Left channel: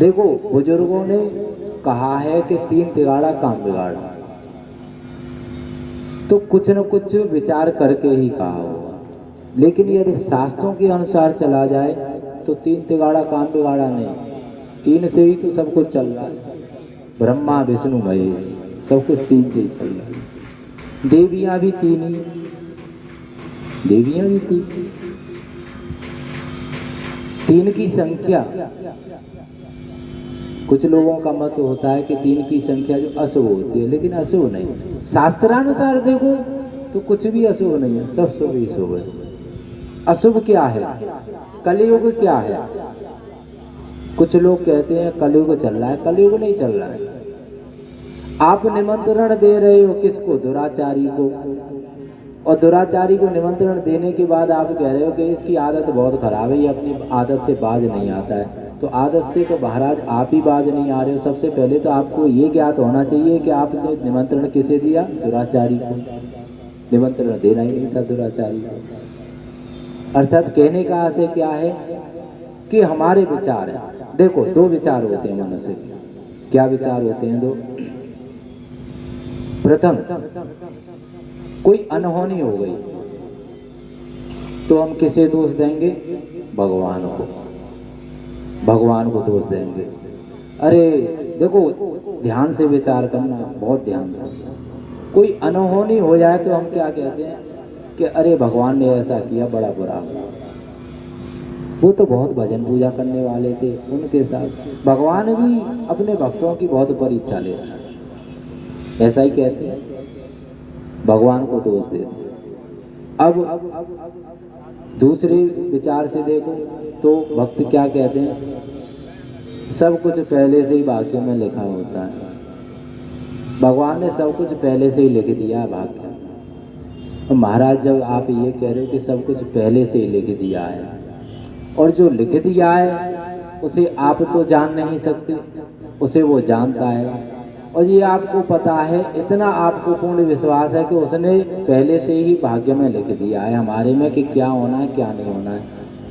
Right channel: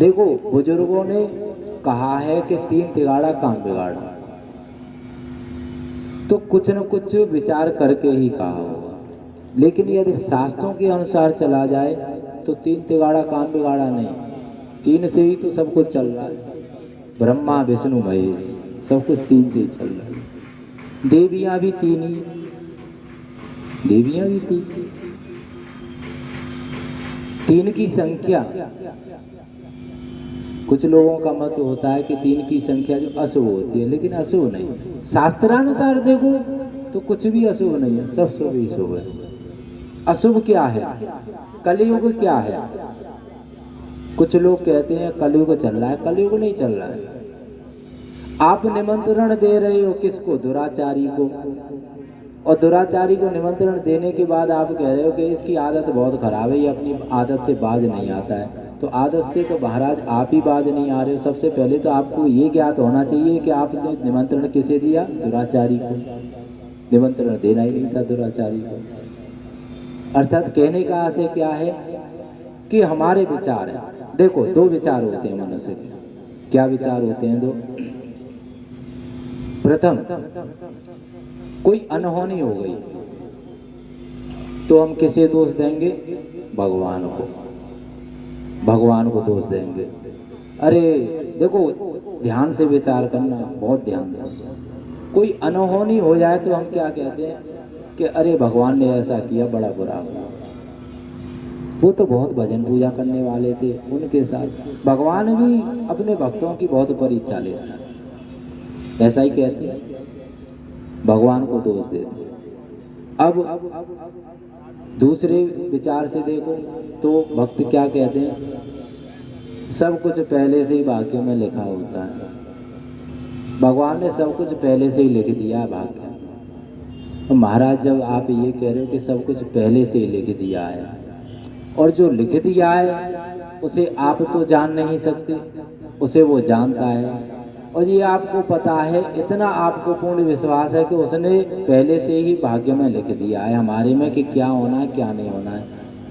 देखो बुजुर्गों ने कहा है कि 3 तिगाड़ा काम बिगाड़ा, तो कुछ न कुछ विचार करके ही कहा होगा। लेकिन यदि शास्त्रों के अनुसार चला जाए तो 3 तिगाड़ा काम बिगाड़ा नहीं, 3 से ही तो सब कुछ चल रहा है। ब्रह्मा विष्णु महेश सब कुछ 3 से ही चल रहा है। देवियां भी 3 ही, देवियां भी 3। 3 की संख्या, कुछ लोगों का मत होता है कि 3 की संख्या जो अशुभ होती है, लेकिन अशुभ नहीं। शास्त्रानुसार देखो तो कुछ भी अशुभ नहीं है, सब शुभ ही शुभ है। अशुभ क्या है? कलयुग क्या है? कुछ लोग कहते हैं कलयुग चल रहा है, कलयुग नहीं चल रहा है। आप निमंत्रण दे रहे हो किसको? दुराचारी को। और दुराचारी को निमंत्रण देने के बाद आप कह रहे हो कि इसकी आदत बहुत खराब है, ये अपनी आदत से बाज नहीं आता है। तो आदत से तो महाराज आप ही बाज नहीं आ रहे हो। सबसे पहले तो आपको ये ज्ञात होना चाहिए कि आपने निमंत्रण किसे दिया? दुराचारी को। निमंत्रण देना ही नहीं था दुराचारी को। अर्थात कहने का आशय क्या है कि हमारे विचार है। देखो 2 विचार होते हैं मनुष्य के। क्या विचार होते हैं? 2। प्रथम, कोई अनहोनी हो गई तो हम किसे दोष देंगे? भगवान को। भगवान को दोष देंगे। अरे देखो ध्यान से विचार करना, बहुत ध्यान से। कोई अनहोनी हो जाए तो हम क्या कहते हैं कि अरे भगवान ने ऐसा किया, बड़ा बुरा हुआ। वो तो बहुत भजन पूजा करने वाले थे, उनके साथ भगवान भी अपने भक्तों की बहुत परीक्षा लेता है, ऐसा ही कहते हैं, भगवान को दोष देते हैं। अब दूसरे विचार से देखो तो भक्त क्या कहते हैं? सब कुछ पहले से ही भाग्य में लिखा होता है। भगवान ने सब कुछ पहले से ही लिख दिया भाग्य। महाराज जब आप ये कह रहे हो कि सब कुछ पहले से ही लिख दिया है, और जो लिख दिया है उसे आप तो जान नहीं सकते, उसे वो जानता है। और ये आपको पता है, इतना आपको पूर्ण विश्वास है कि उसने पहले से ही भाग्य में लिख दिया है हमारे में कि क्या होना है क्या नहीं होना है।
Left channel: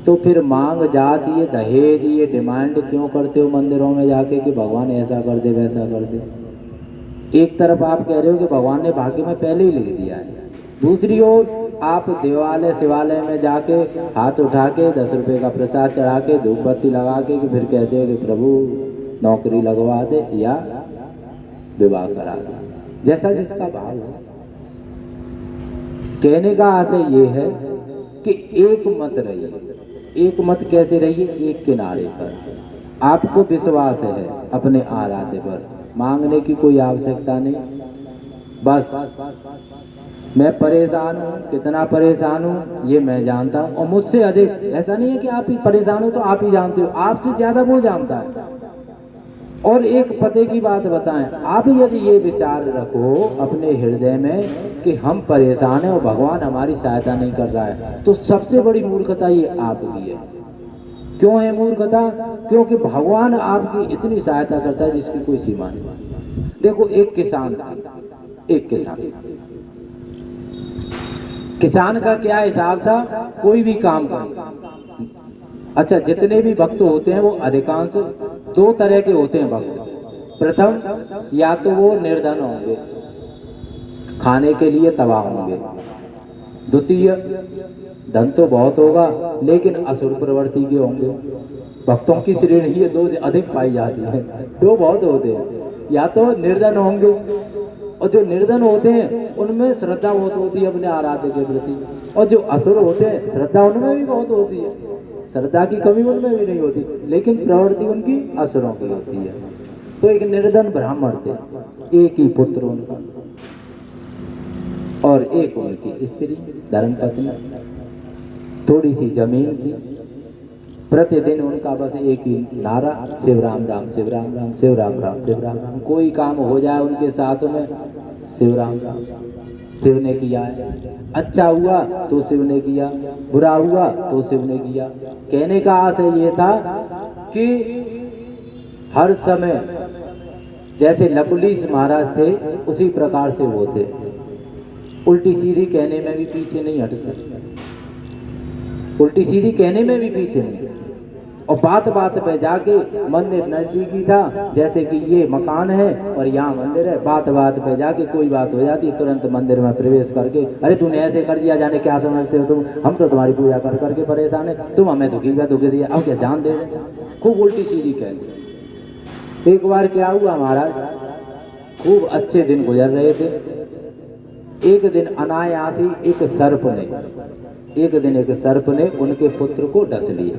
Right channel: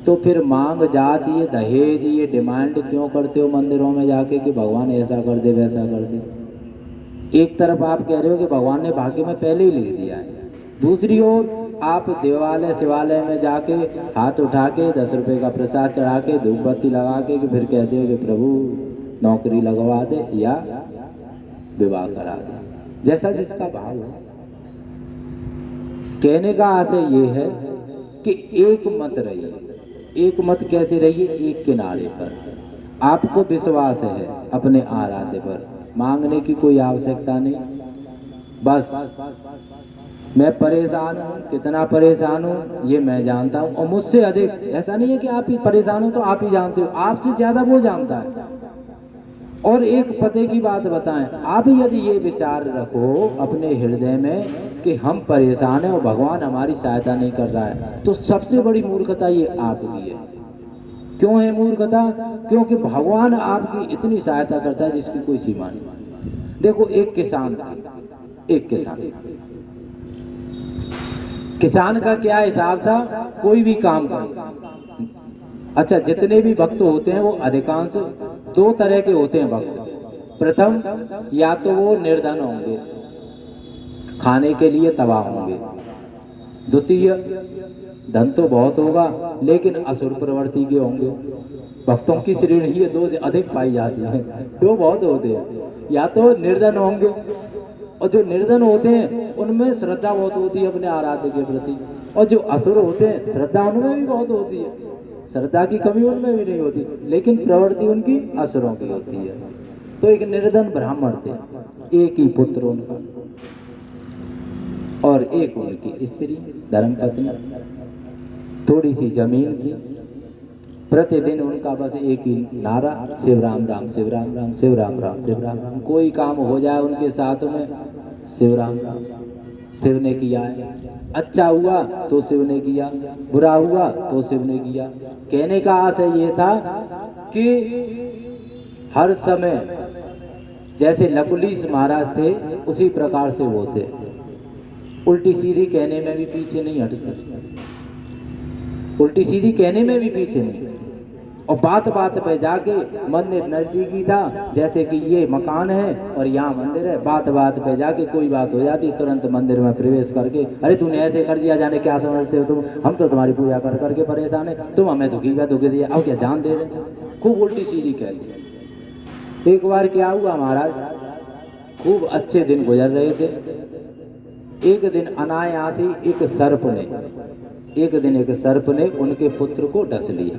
तो फिर मांग जात, ये दहेज, ये डिमांड क्यों करते हो मंदिरों में जाके कि भगवान ऐसा कर दे वैसा कर दे? एक तरफ आप कह रहे हो कि भगवान ने भाग्य में पहले ही लिख दिया है, दूसरी ओर आप देवालय शिवालय में जाके हाथ उठा के 10 रुपये का प्रसाद चढ़ा के धूप बत्ती लगा के फिर कहते हो कि प्रभु नौकरी लगवा दे या विवाह करा दे, जैसा जिसका भाव है। कहने का आशय ये है कि एक मत रहिए। एक मत कैसे रहिए? एक किनारे पर। आपको विश्वास है अपने आराध्य पर, मांगने की कोई आवश्यकता नहीं। बस मैं परेशान हूँ, कितना परेशान हूँ ये मैं जानता हूँ, और मुझसे अधिक, ऐसा नहीं है कि आप ही परेशान हो तो आप ही जानते हो, आपसे ज्यादा वो जानता है। और एक पते की बात बताएं, आप यदि ये विचार रखो अपने हृदय में कि हम परेशान हैं और भगवान हमारी सहायता नहीं कर रहा है, तो सबसे बड़ी मूर्खता ये आपकी है। क्यों है मूर्खता? क्योंकि भगवान आपकी इतनी सहायता करता है जिसकी कोई सीमा नहीं। देखो एक किसान था, एक किसान का क्या हिसाब था? कोई भी काम कर। अच्छा, जितने भी भक्त होते हैं वो अधिकांश 2 तरह के होते हैं भक्त। प्रथम, या तो वो निर्धन होंगे, खाने के लिए तबाह होंगे। द्वितीय, धन तो बहुत होगा लेकिन असुर प्रवृत्ति के होंगे। भक्तों की श्रेणी ये 2 अधिक पाई जाती है, 2 बहुत होते हैं। या तो निर्धन होंगे, और जो निर्धन होते हैं उनमें श्रद्धा बहुत होती है अपने आराध्य के प्रति, और जो असुर होते हैं श्रद्धा उनमें भी बहुत होती है, श्रद्धा की कमी उनमें भी नहीं होती, लेकिन प्रवृत्ति उनकी असुरों की होती है। तो एक निर्धन ब्राह्मण थे, एक ही पुत्र उनका, और एक उनकी स्त्री धर्मपत्नी, थोड़ी सी जमीन थी। प्रतिदिन उनका बस एक ही नारा, शिव राम राम शिव राम राम शिव राम राम शिव राम राम। कोई काम हो जाए उनके साथ में शिव राम राम, शिव ने किया है, अच्छा हुआ तो शिव ने किया, बुरा हुआ तो शिव ने किया। कहने का आशय ये था कि हर समय जैसे लकुलीश महाराज थे उसी प्रकार से वो थे, उल्टी सीधी कहने में भी पीछे नहीं हटते, उल्टी सीधी कहने में भी पीछे नहीं। और बात बात पे जाके मंदिर नजदीकी था, जैसे कि ये मकान है और यहाँ मंदिर है, बात बात पे जाके कोई बात हो जाती तुरंत मंदिर में प्रवेश करके, अरे तूने ऐसे कर दिया, जाने क्या समझते हो तुम, हम तो तुम्हारी पूजा कर करके परेशान है, तुम हमें दुखी दिया, अब क्या जान दे रहे, खूब उल्टी सीधी कह दी। एक बार क्या हुआ महाराज, खूब अच्छे दिन गुजर रहे थे। एक दिन अनायासी एक सर्प ने उनके पुत्र को डस लिया,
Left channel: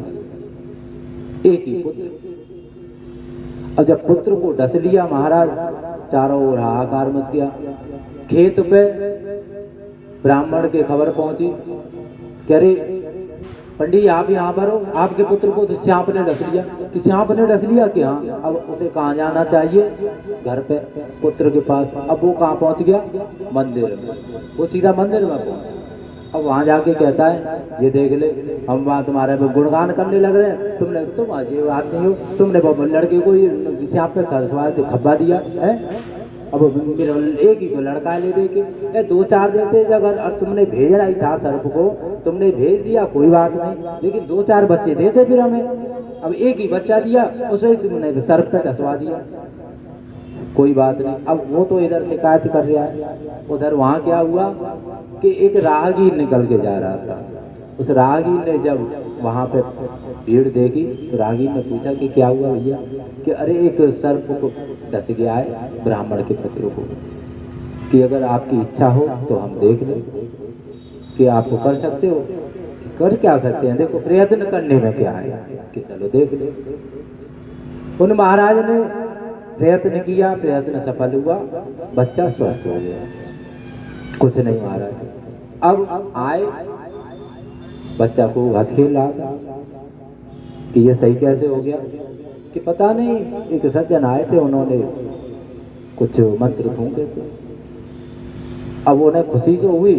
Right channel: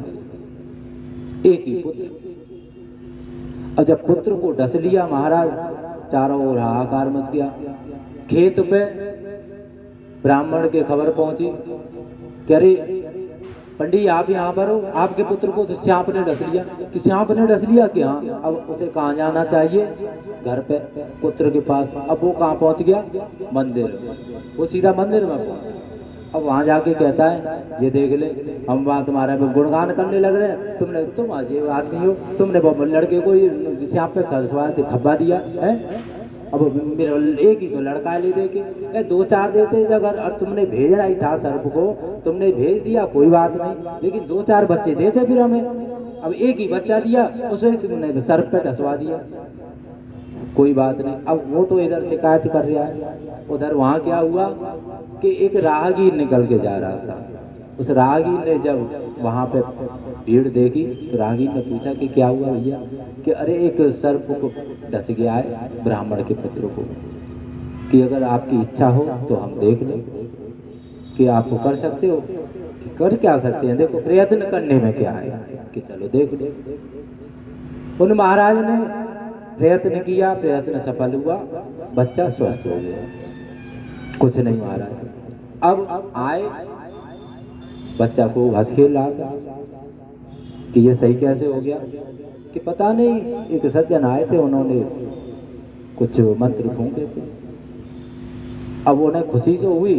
एक ही पुत्र। अब जब पुत्र को डस लिया महाराज, चारों ओर हाहाकार मच गया। खेत पे ब्राह्मण के खबर पहुंची कि अरे पंडित आप यहाँ पर हो, आपके पुत्र को तो सांप ने डस लिया। कि सांप ने डस लिया कि हाँ, अब उसे कहाँ जाना चाहिए, घर पे पुत्र के पास। अब वो कहाँ पहुंच गया, मंदिर में, वो सीधा मंदिर में पहुंचा। अब वहां जाके कहता है, ये देख ले, हम वहां तुम्हारे पे गुणगान करने लग रहे हैं, तुम अजीब आदमी हो, तुमने लड़के को सांप पे खब्बा दिया है। अब मेरा एक ही तो लड़का ले दे के, दो चार देते अगर, और तुमने भेजना ही था सर्प को, तुमने भेज दिया कोई बात नहीं, लेकिन दो चार बच्चे देते फिर हमें। अब एक ही बच्चा दिया, उसमें तुमने सर्प पे डसवा दिया, कोई बात नहीं। अब वो तो इधर शिकायत कर रहा है, उधर वहां क्या हुआ कि एक राहगीर निकल के जा रहा था। उस राहगीर ने जब वहां पे भीड़ देखी तो राहगीर ने पूछा कि क्या हुआ भैया, कि अरे एक सर्प को डस गया है ब्राह्मण के पुत्र को, कि अगर आपकी इच्छा हो तो हम देख लें कि आप कर सकते हो। कि कर क्या सकते हैं, देखो प्रयत्न करने में क्या है, कि चलो देख ले। उन महाराज ने प्रयत्न किया, प्रयत्न सफल हुआ, बच्चा स्वस्थ हो गया, कुछ नहीं महाराज। अब आए, बच्चा को हंस खेल रहा था कि ये सही कैसे हो गया, कि पता नहीं एक सज्जन आए थे, उन्होंने कुछ मंत्र फूंके थे। अब उन्हें खुशी तो हुई,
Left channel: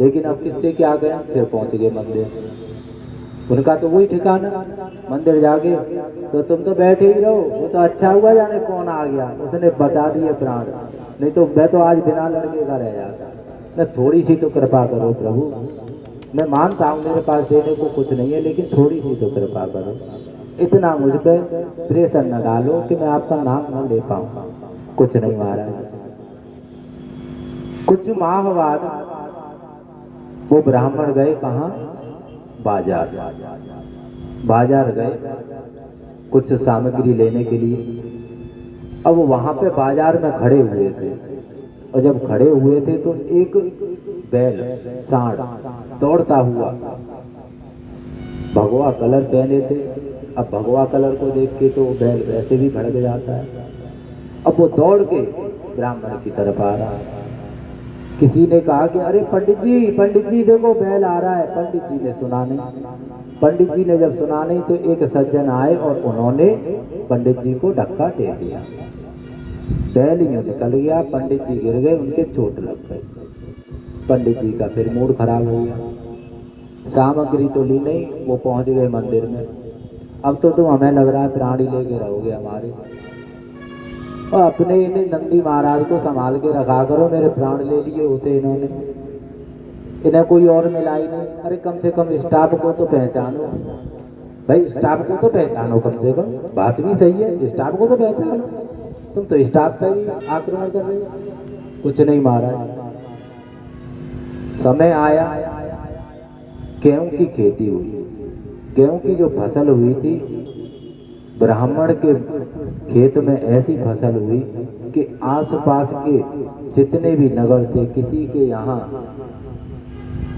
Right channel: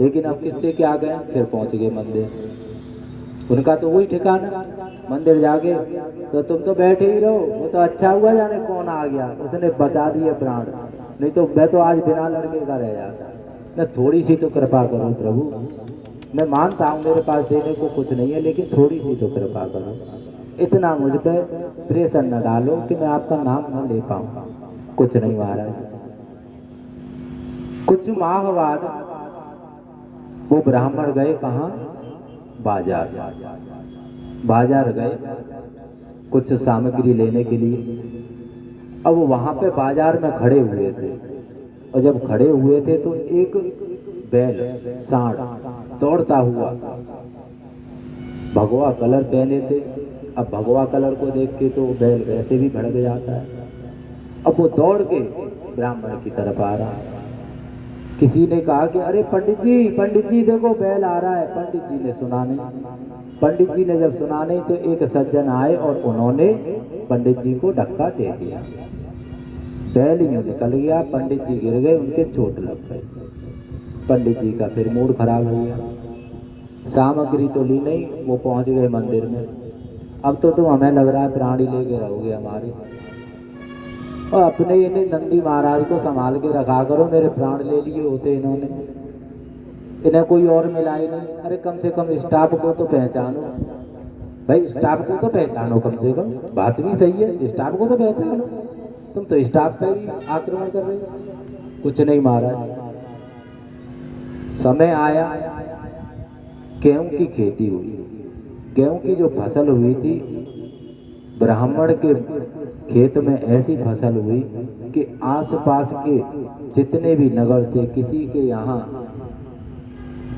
लेकिन अब किससे क्या करें, फिर पहुंच गए मंदिर। उनका तो वही ठिकाना, मंदिर जाके तो तुम तो बैठे ही रहो, वो तो अच्छा हुआ जाने कौन आ गया, उसने बचा दिए प्राण, नहीं तो मैं तो आज बिना लड़के का रह जाता। मैं थोड़ी सी तो कृपा करो प्रभु, मैं मानता हूँ मेरे पास देने को कुछ नहीं है, लेकिन थोड़ी सी तो कृपा करो, इतना मुझ पे प्रेशर न डालो कि मैं आपका नाम न ले पाऊँ। कुछ नहीं महाराज। कुछ माह बाद वो ब्राह्मण गए कहाँ, बाजार गए कुछ सामग्री लेने के लिए। अब वहां पे बाजार में खड़े हुए थे, और जब खड़े हुए थे तो एक बैल सांड दौड़ता हुआ, भगवा कलर पहने थे। अब भगवा कलर को देख के तो बैल वैसे भी भड़क जाता है। अब वो दौड़ के ब्राह्मण की तरफ आ रहा है। किसी ने कहा कि अरे पंडित जी देखो बैल आ रहा है। पंडित जी ने सुना नहीं। पंडित जी ने जब सुना नहीं तो एक सज्जन आए और उन्होंने पंडित जी को धक्का दे दिया, बैल यूं निकल गया, पंडित जी गिर गए, उनके चोट लग गई। पंडित जी का फिर मूड खराब हो गया। सामग्री तो ली नहीं, वो पहुंच गए मंदिर में। अब तो तुम हमें लग रहा है प्राणी लेके रहोगे हमारी, और अपने इन्हें नंदी महाराज को संभाल के रखा करो, मेरे प्राण ले लिए होते इन्होंने, इन्हें कोई और मिला ही नहीं। अरे कम से कम स्टाफ को तो पहचानो भाई, स्टाफ को तो पहचानो कम से कम, बात भी सही है, स्टाफ को तो पहचानो, तुम तो स्टाफ पर ही आक्रमण कर रहे हो। कुछ नहीं महाराज। समय आया, गेहूं की खेती हुई, गेहूं की जो फसल हुई थी, ब्राह्मण के खेत में ऐसी फसल हुई कि आसपास के जितने भी नगर थे, किसी के यहाँ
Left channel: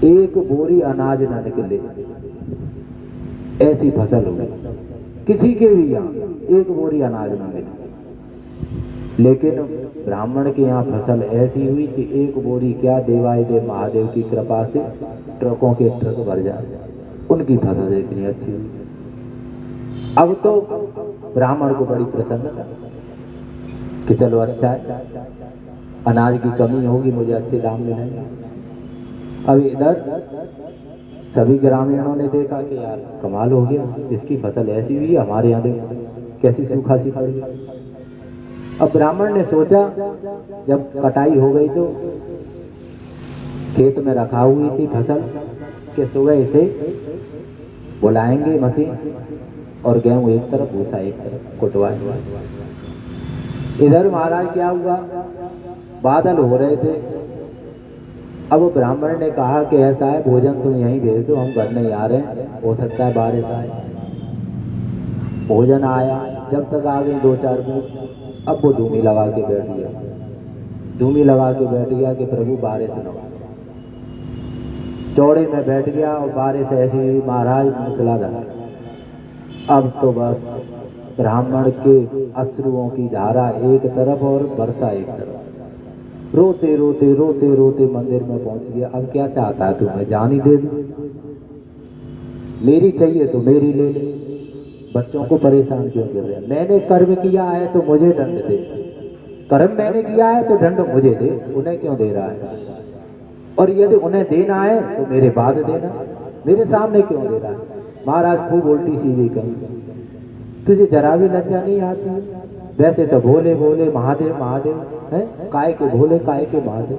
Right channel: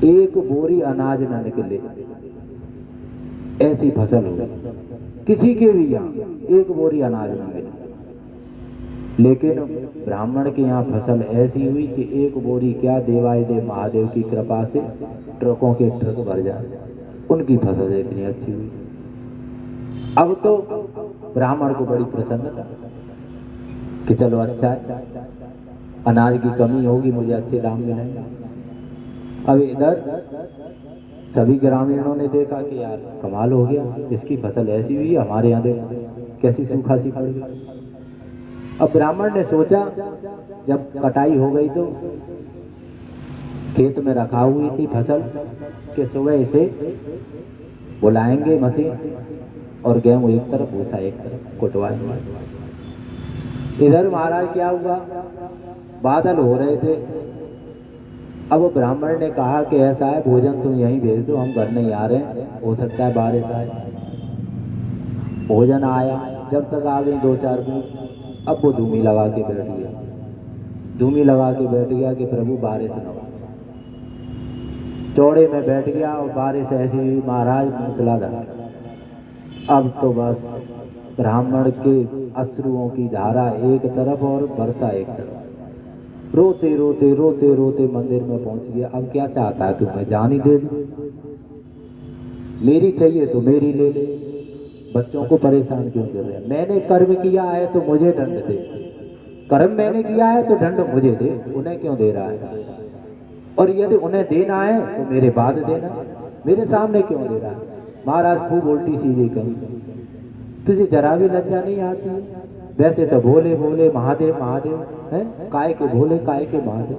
एक बोरी अनाज न निकले, ऐसी फसल हुई। किसी के भी यहाँ एक बोरी अनाज न मिले, लेकिन ब्राह्मण के यहाँ फसल ऐसी हुई कि एक बोरी क्या, देवाय देव महादेव की कृपा से ट्रकों के ट्रक भर जाए, उनकी फसल इतनी अच्छी हुई। अब तो ब्राह्मण को बड़ी प्रसन्नता कि चलो अच्छा अनाज की कमी होगी, मुझे अच्छे दाम मिलेंगे। अब इधर सभी ग्रामीणों ने देखा कि यार कमाल हो गया, इसकी फसल ऐसी हुई है, हमारे यहाँ देखो कैसी सूखा सी पड़ गई। अब ब्राह्मण ने सोचा, जब कटाई हो गई तो खेत में रखा हुई थी फसल, कि सुबह इसे बुलाएंगे मशीन, और गेहूं एक तरफ, भूसा एक तरफ कुटवाएंगे। इधर महाराज क्या हुआ, बादल हो रहे थे। अब वो ब्राह्मण ने कहा कि ऐसा है, भोजन तुम यहीं भेज दो, हम घर नहीं आ रहे हैं, हो सकता है बारिश आए। भोजन आया, जब तक आ गई 2-4 बूंद, अब वो धूमी लगा के बैठ गया, धूमी लगा के बैठ गया कि प्रभु बारिश न हो। चौड़े में बैठ गया और बारिश ऐसी हुई महाराज मूसलाधार। अब तो बस ब्राह्मण के अश्रुओं की धारा एक तरफ और वर्षा एक तरफ। रोते रोते रोते रोते मंदिर में पहुंच गया। अब क्या चाहता है तुम्हें, जान ही दे दूं? मेरी चाहिए तो मेरी ले ले, बच्चों को परेशान क्यों कर रहे हैं? मैंने कर्म किया है तो मुझे दंड दे, कर्म मैंने किया है तो दंड मुझे दे, उन्हें क्यों दे रहा है? और यदि उन्हें देना है तो मेरे बाद देना, मेरे सामने क्यों दे रहा है? महाराज खूब उल्टी सीधी कही, तुझे जरा भी लज्जा नहीं आती? वैसे तो भोले भोले महादेव महादेव है, काय के भोले काय के महादेव।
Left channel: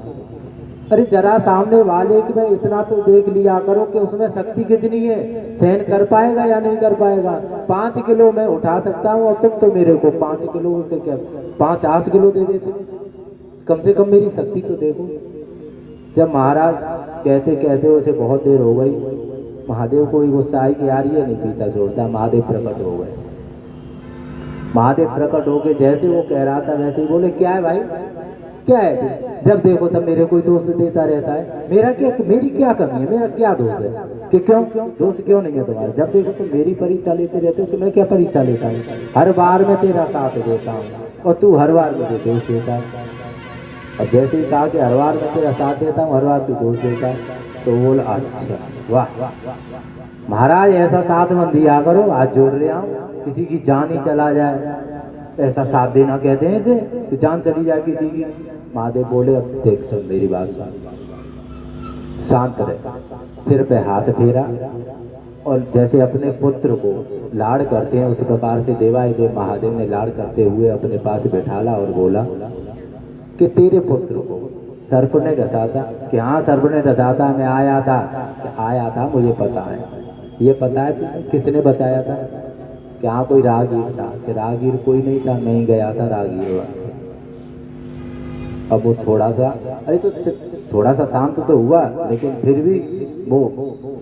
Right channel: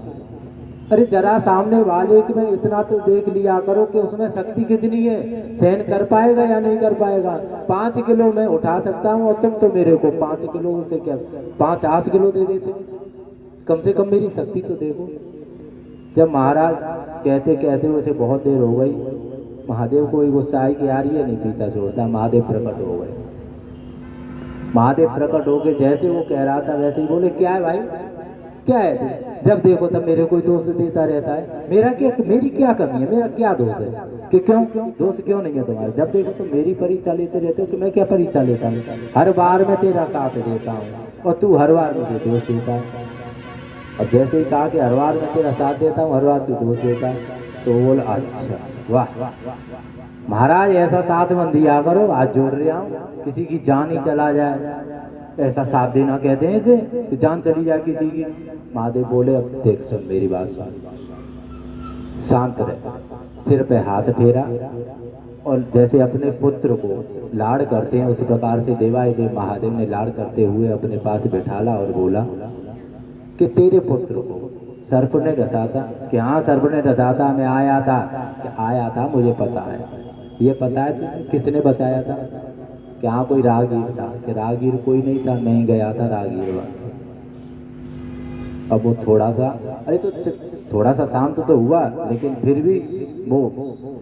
अरे जरा सामने वाले की में इतना तो देख लिया करो कि उसमें शक्ति कितनी है, सहन कर पाएगा या नहीं कर पाएगा। 5 किलो मैं उठा सकता हूँ और तुम तो मेरे को 5 किलो से क्या 50 किलो दे देते, कम से कम मेरी शक्ति तो देखो। जब महाराज कहते कहते उसे बहुत देर हो गई, महादेव को ही गुस्सा आई कि यार ये नहीं पीछा छोड़ता। महादेव प्रकट हो गए। महादेव प्रकट हो के जैसे वो कह रहा था वैसे ही बोले, क्या है भाई, क्या है तू? जब देखो तब मेरे कोई दोष देता रहता है। मेरा क्या, मेरी क्या कमी है, मेरा क्या दोष है? कि क्यों दोष क्यों नहीं है तुम्हारा? जब देखो तो मेरी परीक्षा लेते रहते हो। कि मैं क्या परीक्षा लेता हूँ? हर बार मैं तेरा साथ देता हूँ और तू हर बार मुझे दोष देता है। अब जैसे ही कहा कि हर बार मैं तेरा साथ देता हूँ, हर बार तू दोष देता है, तो वो बोला अच्छा वाह महाराज, ऐसा साथ मत दिया करो, हाथ जोड़ रहा हूँ, किसी की जान ही चला जाए, ऐसा साथ देना कहते हैं इसे, कि जान चली जाए किसी की। महादेव बोले, अब देख सुन मेरी बात सुन, शांत रहे, सिर पे हाथ फेरा और जैसे अपने पुत्र को लाड़ करते हैं उसी प्रकार से देवाधिदेव महादेव ने लाड़ करते हुए अपने पास बैठाला और बोला कि तेरे पुत्र को सर्प ने डसा था। कि हाँ सर्प ने डसा था, मैं आया था। कि आया था मुझे पता है, ये पता है तुझे किसने बचाया था? कि हाँ कोई राहगीर था। कि राहगीर कोई नहीं था, मैं ही गया था राहगीर वहाँ। अब वो थोड़ा सा, अरे तो थोड़ा सा शांत तो हुआ, लेकिन फिर भी वो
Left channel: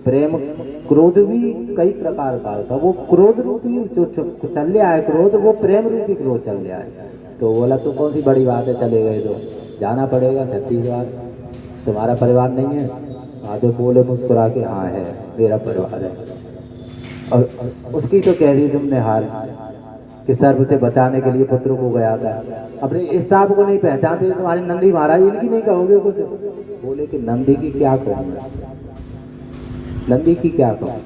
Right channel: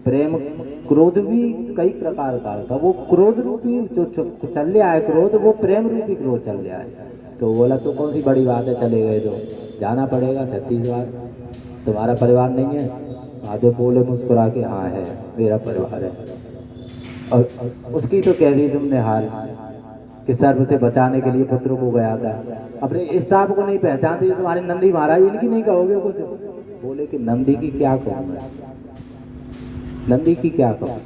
प्रेम क्रोध भी कई प्रकार का होता, वो क्रोध रूपी जो चल रहा है क्रोध, वो प्रेम रूपी क्रोध चल रहा है। तो बोला तो कौन सी बड़ी बात है, चले गए तो जाना पड़ेगा छत्तीसगढ़, तुम्हारा परिवार नहीं है? महादेव बोले मुस्कुरा के, हाँ है, मेरा परिवार है। और उसकी तो कह दी तुमने हाल कि सर्प से बचाने के लिए पुत्र को गया था, अपने स्टाफ को नहीं पहचानते तुम्हारे नंदी महाराज, इनकी नहीं कहोगे कुछ? बोले कि नंदी की क्या कहूँगा, नंदी की क्या कहूँ?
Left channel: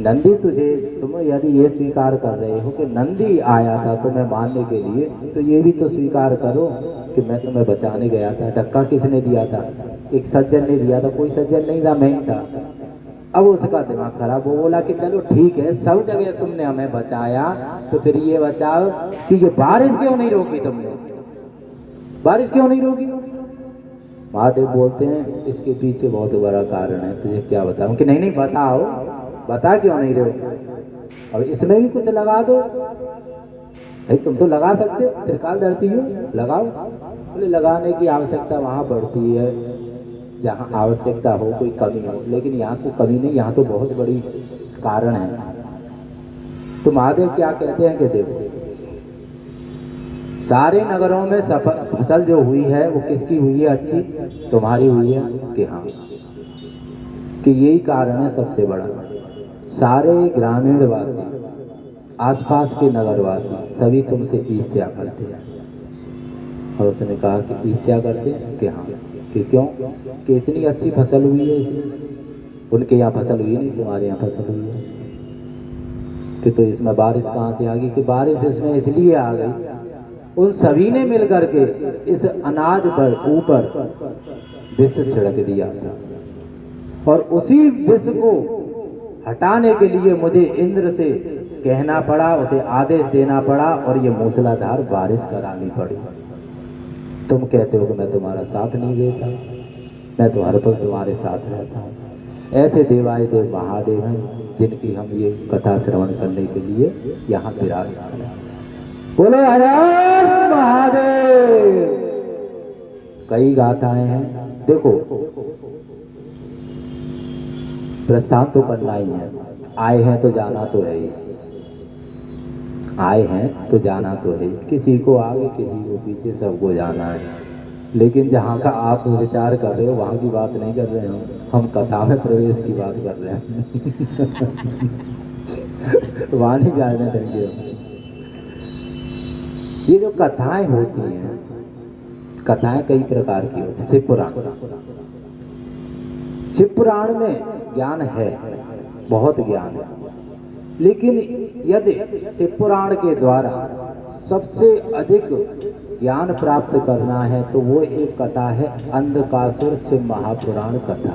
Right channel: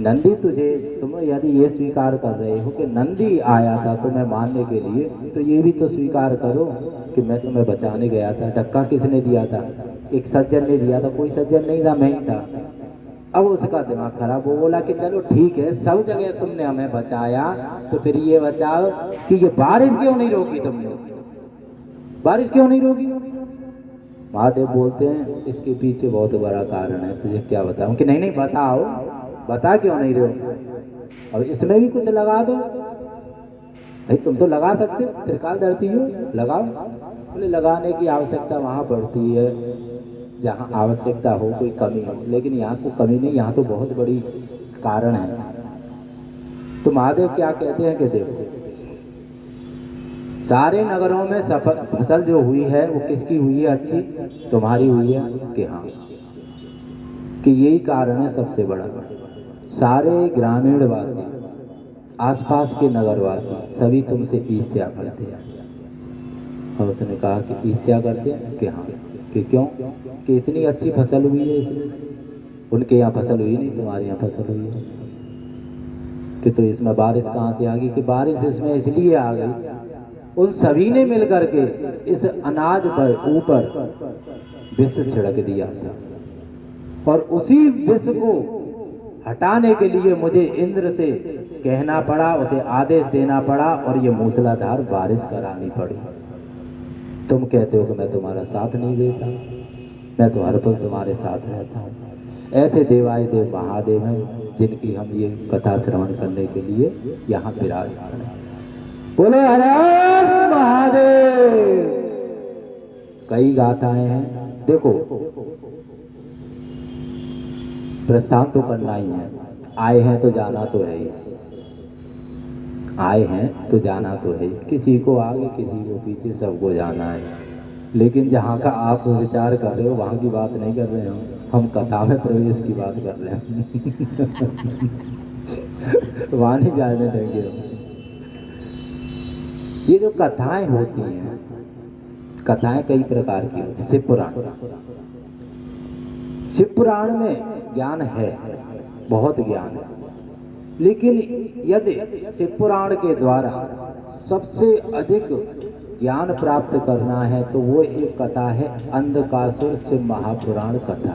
नंदी तुझे, तुम यदि ये स्वीकार कर रहे हो कि नंदी आया था तुम्हें मारने के लिए, तो ये भी तो स्वीकार करो कि मैं तुम्हें बचाने गया था। धक्का किसने दिया था? एक सज्जन ने दिया था। कोई सज्जन नहीं था, मैं ही था। अब उसका दिमाग खराब हो, बोला कि चलो ठीक है, सब जगह तुमने हमें बचाया, तो फिर ये बचाओ कि ये बारिश क्यों नहीं रोकी तुमने, बारिश क्यों नहीं रोकी? महादेव बोलते हैं इसके पीछे बहुत बड़ा कारण है, तुझे क्या बताऊं? कि नहीं नहीं बताओ, बता क्यों नहीं रहे हो? अब इसमें भी कुछ लगा दो भाई, तुम तो लगा सकते हो, त्रिकालदर्शी हो, लगाओ। बोले लगाने की आवश्यकता वहाँ पड़ती है जहाँ आवश्यकता हो, कोई कमी हो, लेकिन यहाँ कोई कमी नहीं, यहाँ तो बहुत बड़ी कारण है। तो महादेव क्या कहते हैं कि देखो, सारे नगरों में फसल जो हुई है वो किसकी हुई है? अच्छी तुम्हारी हुई है। कि हाँ, कि यही कारण है सबसे बड़ा। सारे ग्रामीण वासी, आसपास के नगरवासी सभी तुमसे ईर्ष्या करते हैं। और उसने कहा कि ईर्ष्या करते हैं? कि हाँ। कि क्यों? कि इतनी अच्छी फसल हुई है इसमें, उनके यहाँ फसल हुई नहीं, तुम्हारे यहाँ फसल हुई है। कि तो इसमें बारिश कहाँ से आ गई? कि बारिश इसमें इसलिए आ गई, उन सभी ने मिलकर के इस अनाज पर ऊपर विष छिड़क दिया था, और उसी विष को हटाने के लिए मुझे इंद्र से कहना पड़ा, उसे आदेश देना पड़ा, और ये मूसलाधार बारिश करानी पड़ी। तुम कहते हो कि मैं तुम्हारा साथ नहीं देता, मैं तो हर पल तुम्हारे साथ रहता हूँ। ऐसे देवाधिदेव महादेव हैं जिनकी हम ये कथा श्रवण करने के लिए यहाँ विराजमान हैं। बोलो हर हर महादेव। कई गाथाएं हैं। देखो, प्रस्थान तो करना ही है, आए हैं तो जाना तो है ही, आए हैं तो जाना तो है, किसी को आगे किसी को पीछे, सबको जाना है। लेकिन जहाँ का आप विचार कर रहे हो वहाँ की बात नहीं कर रहे हो, हम कथा में प्रवेश की बात कर रहे हैं। वहाँ नहीं जाने देंगे हम। ये जो कथाएं होती हैं, कथाएं कई प्रकार की होती हैं। शिव पुराण, शिव पुराण में ज्ञान है, बहुत ज्ञान है, लेकिन यदि शिव पुराण के द्वारा सबसे अधिक ज्ञान प्राप्त करना है तो वो एक कथा है अंधकासुर शिव महापुराण कथा।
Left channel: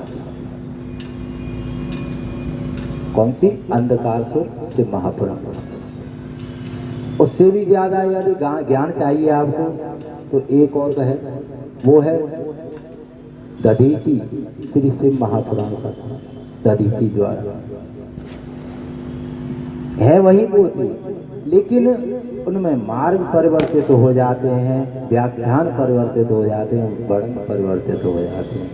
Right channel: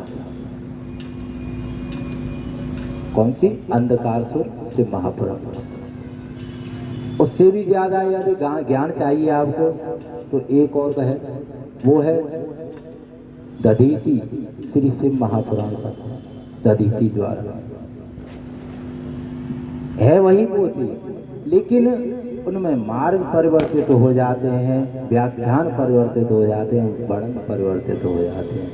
कौन सी? अंधकासुर शिव महापुराण। उससे भी ज्यादा यदि ज्ञान चाहिए आपको तो एक और है, वो है दधीची श्री शिव महापुराण कथा। दधीची द्वारा है वही पोथी, लेकिन उनमें मार्ग परिवर्तित हो जाते हैं, व्याख्यान परिवर्तित हो जाते हैं, वर्णन परिवर्तित हो जाते हैं।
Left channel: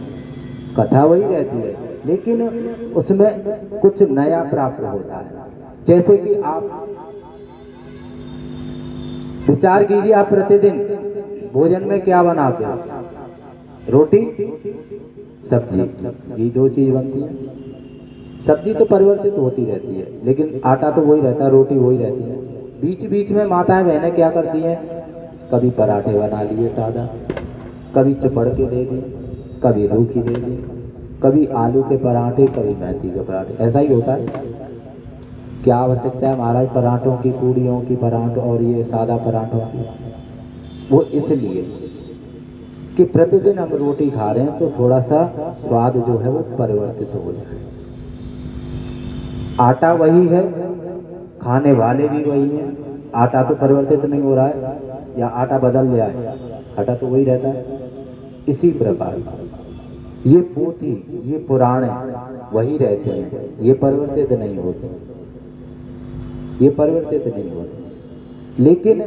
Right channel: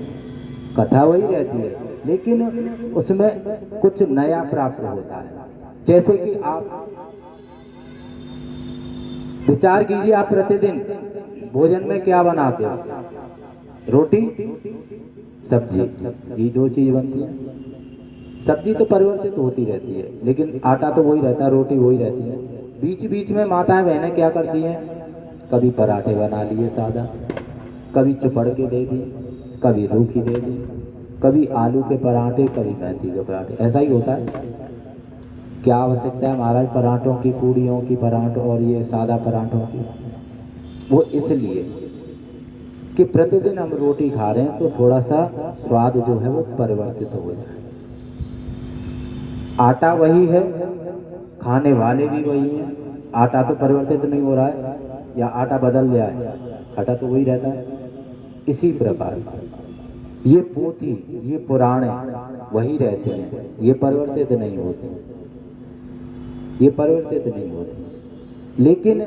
कथा वही रहती है, लेकिन उसमें कुछ नया प्राप्त होता है। जैसे कि आप विचार कीजिए, आप प्रतिदिन भोजन में क्या बनाते हो? रोटी सब्जी, ये दो चीज बनती है। सब्जी तो परिवर्तित होती रहती है, लेकिन आटा तो वही रहता है, रोटी वही रहती है। बीच बीच में माताएं बहनें क्या करती हैं? कभी पराठे बना लिए सादा, कभी चुपड़ के दे दी, कभी रूखी दे दी, कभी आलू के पराठे, कभी मेथी के पराठे। ऐसा ही होता है। क्या आवश्यकता है महाराज पराठों की, पूड़ियों की, पराठों और ये सादा पराठों की? वो इसलिए कि प्रतिदिन हम रोटी खा रहे हैं तो थोड़ा सा स्वाद जो है वो परिवर्तित हो जाए। आटा वही है, खाने वाले भी वही हैं। आटा तो परिवर्तित नहीं हो रहा है, या आटा बदल गया है, आटा तो वही रहता है। इसी प्रकार ये पोथी, ये पुराणे वही रहते हैं, ये परिवर्तित नहीं होते, ये परिवर्तित नहीं होते। लेकिन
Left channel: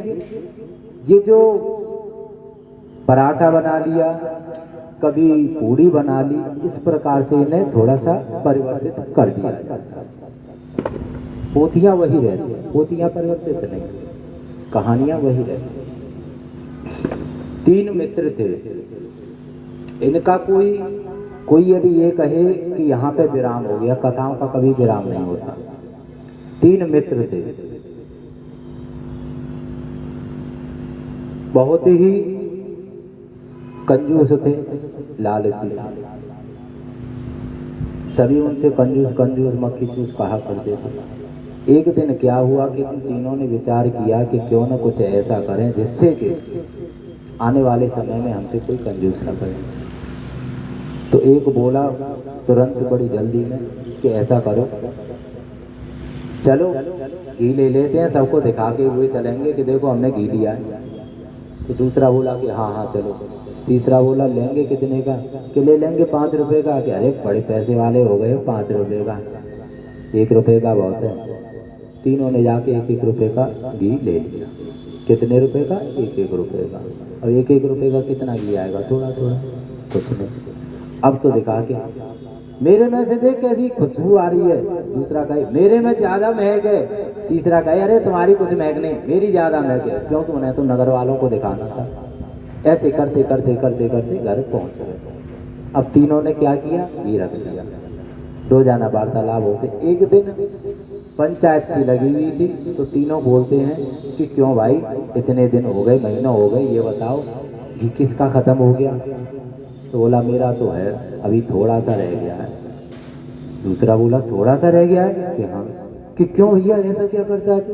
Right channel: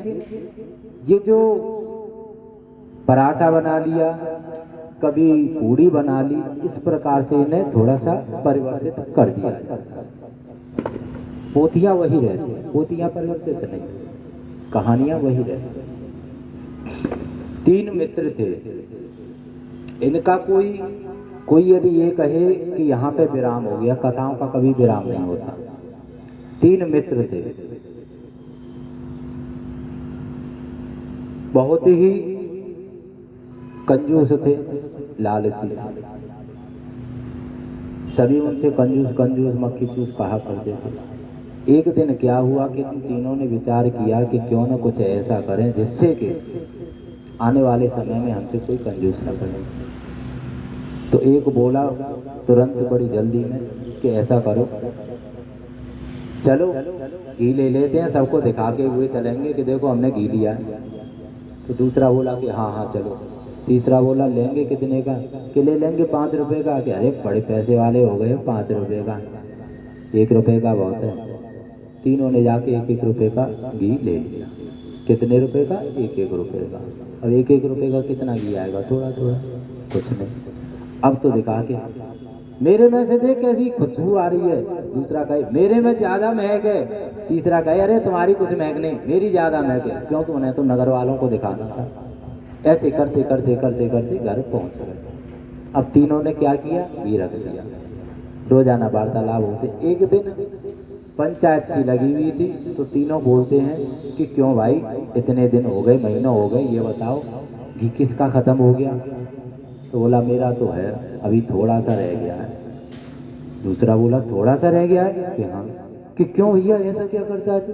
ये जो पराठा बना लिया, कभी पूड़ी बना ली, इस प्रकार से इन्हें थोड़ा सा परिवर्तित कर दिया जाता है। पोथियां वही रहती हैं, पोथियां परिवर्तित नहीं, कहानियां वही रहती हैं। 3 मित्र थे, इनका कोई यदि ये कहे कि यहाँ पे विराम हो गया, कथाओं का कभी विराम नहीं होता। 3 मित्र थे, बहुत ही कंजूस थे, लालची। सभी उनसे कंजूस कंजूस मक्खी चूस कहा करते थे। एक दिन क्या हुआ कि उन तीनों ने विचार किया कि क्यों न कुछ ऐसा करें जिससे कि आने वाले समय में हमसे कोई कंजूस न करे। तो एक बोला तुरंत बड़ी जल्दी में कि ऐसा करो, चलो घी ले लेते हैं, सबको दिखा के हुए चलेंगे कि देखो हमने घी लिया है। तो दूसरा बोला कि हाँ हाँ चलो। तीसरा बोला लेंगे कितने का? कि ले लेंगे 5 रुपए का। कि अरे बड़े पैसे वाले हो गए, 5 रुपए का, 1 रुपए का बहुत है। तीनों ने जाके 1-1 रुपए का घी ले लिया। कितने रुपए का? 1-1 रुपए का। और 1-1 रुपए का कितना घी आएगा? थोड़ा थोड़ा, कुछ नहीं। अब तो दिखा के मेरे में से देख कैसी खुशबू आ रही है। दूसरा कहे मेरे में ज्यादा महक है। तीसरा कहे अरे तुम्हारी कुछ महक नहीं, मेरी ज्यादा महक है, क्योंकि उन्हें तो नगर वालों को दिखाना था। ऐसे करते करते करते करते घर पहुंच गए। अब तीनों ने क्या किया? घी रख दिया। रोजाना वार्तालाप होते। एक दिन पंचायत सी लगी हुई थी, तो तीनों बोलते हैं कि क्यों भाई इतने दिन हो गए, महीना हो गए, ये बताओ घी किसका खत्म हो गया? तो बोला मेरा तो है, अभी थोड़ा सा रह गया है। दूसरा बोला थोड़ा सा रह गया है? कि हाँ। कि क्यों भैया ऐसा क्या करता है तू?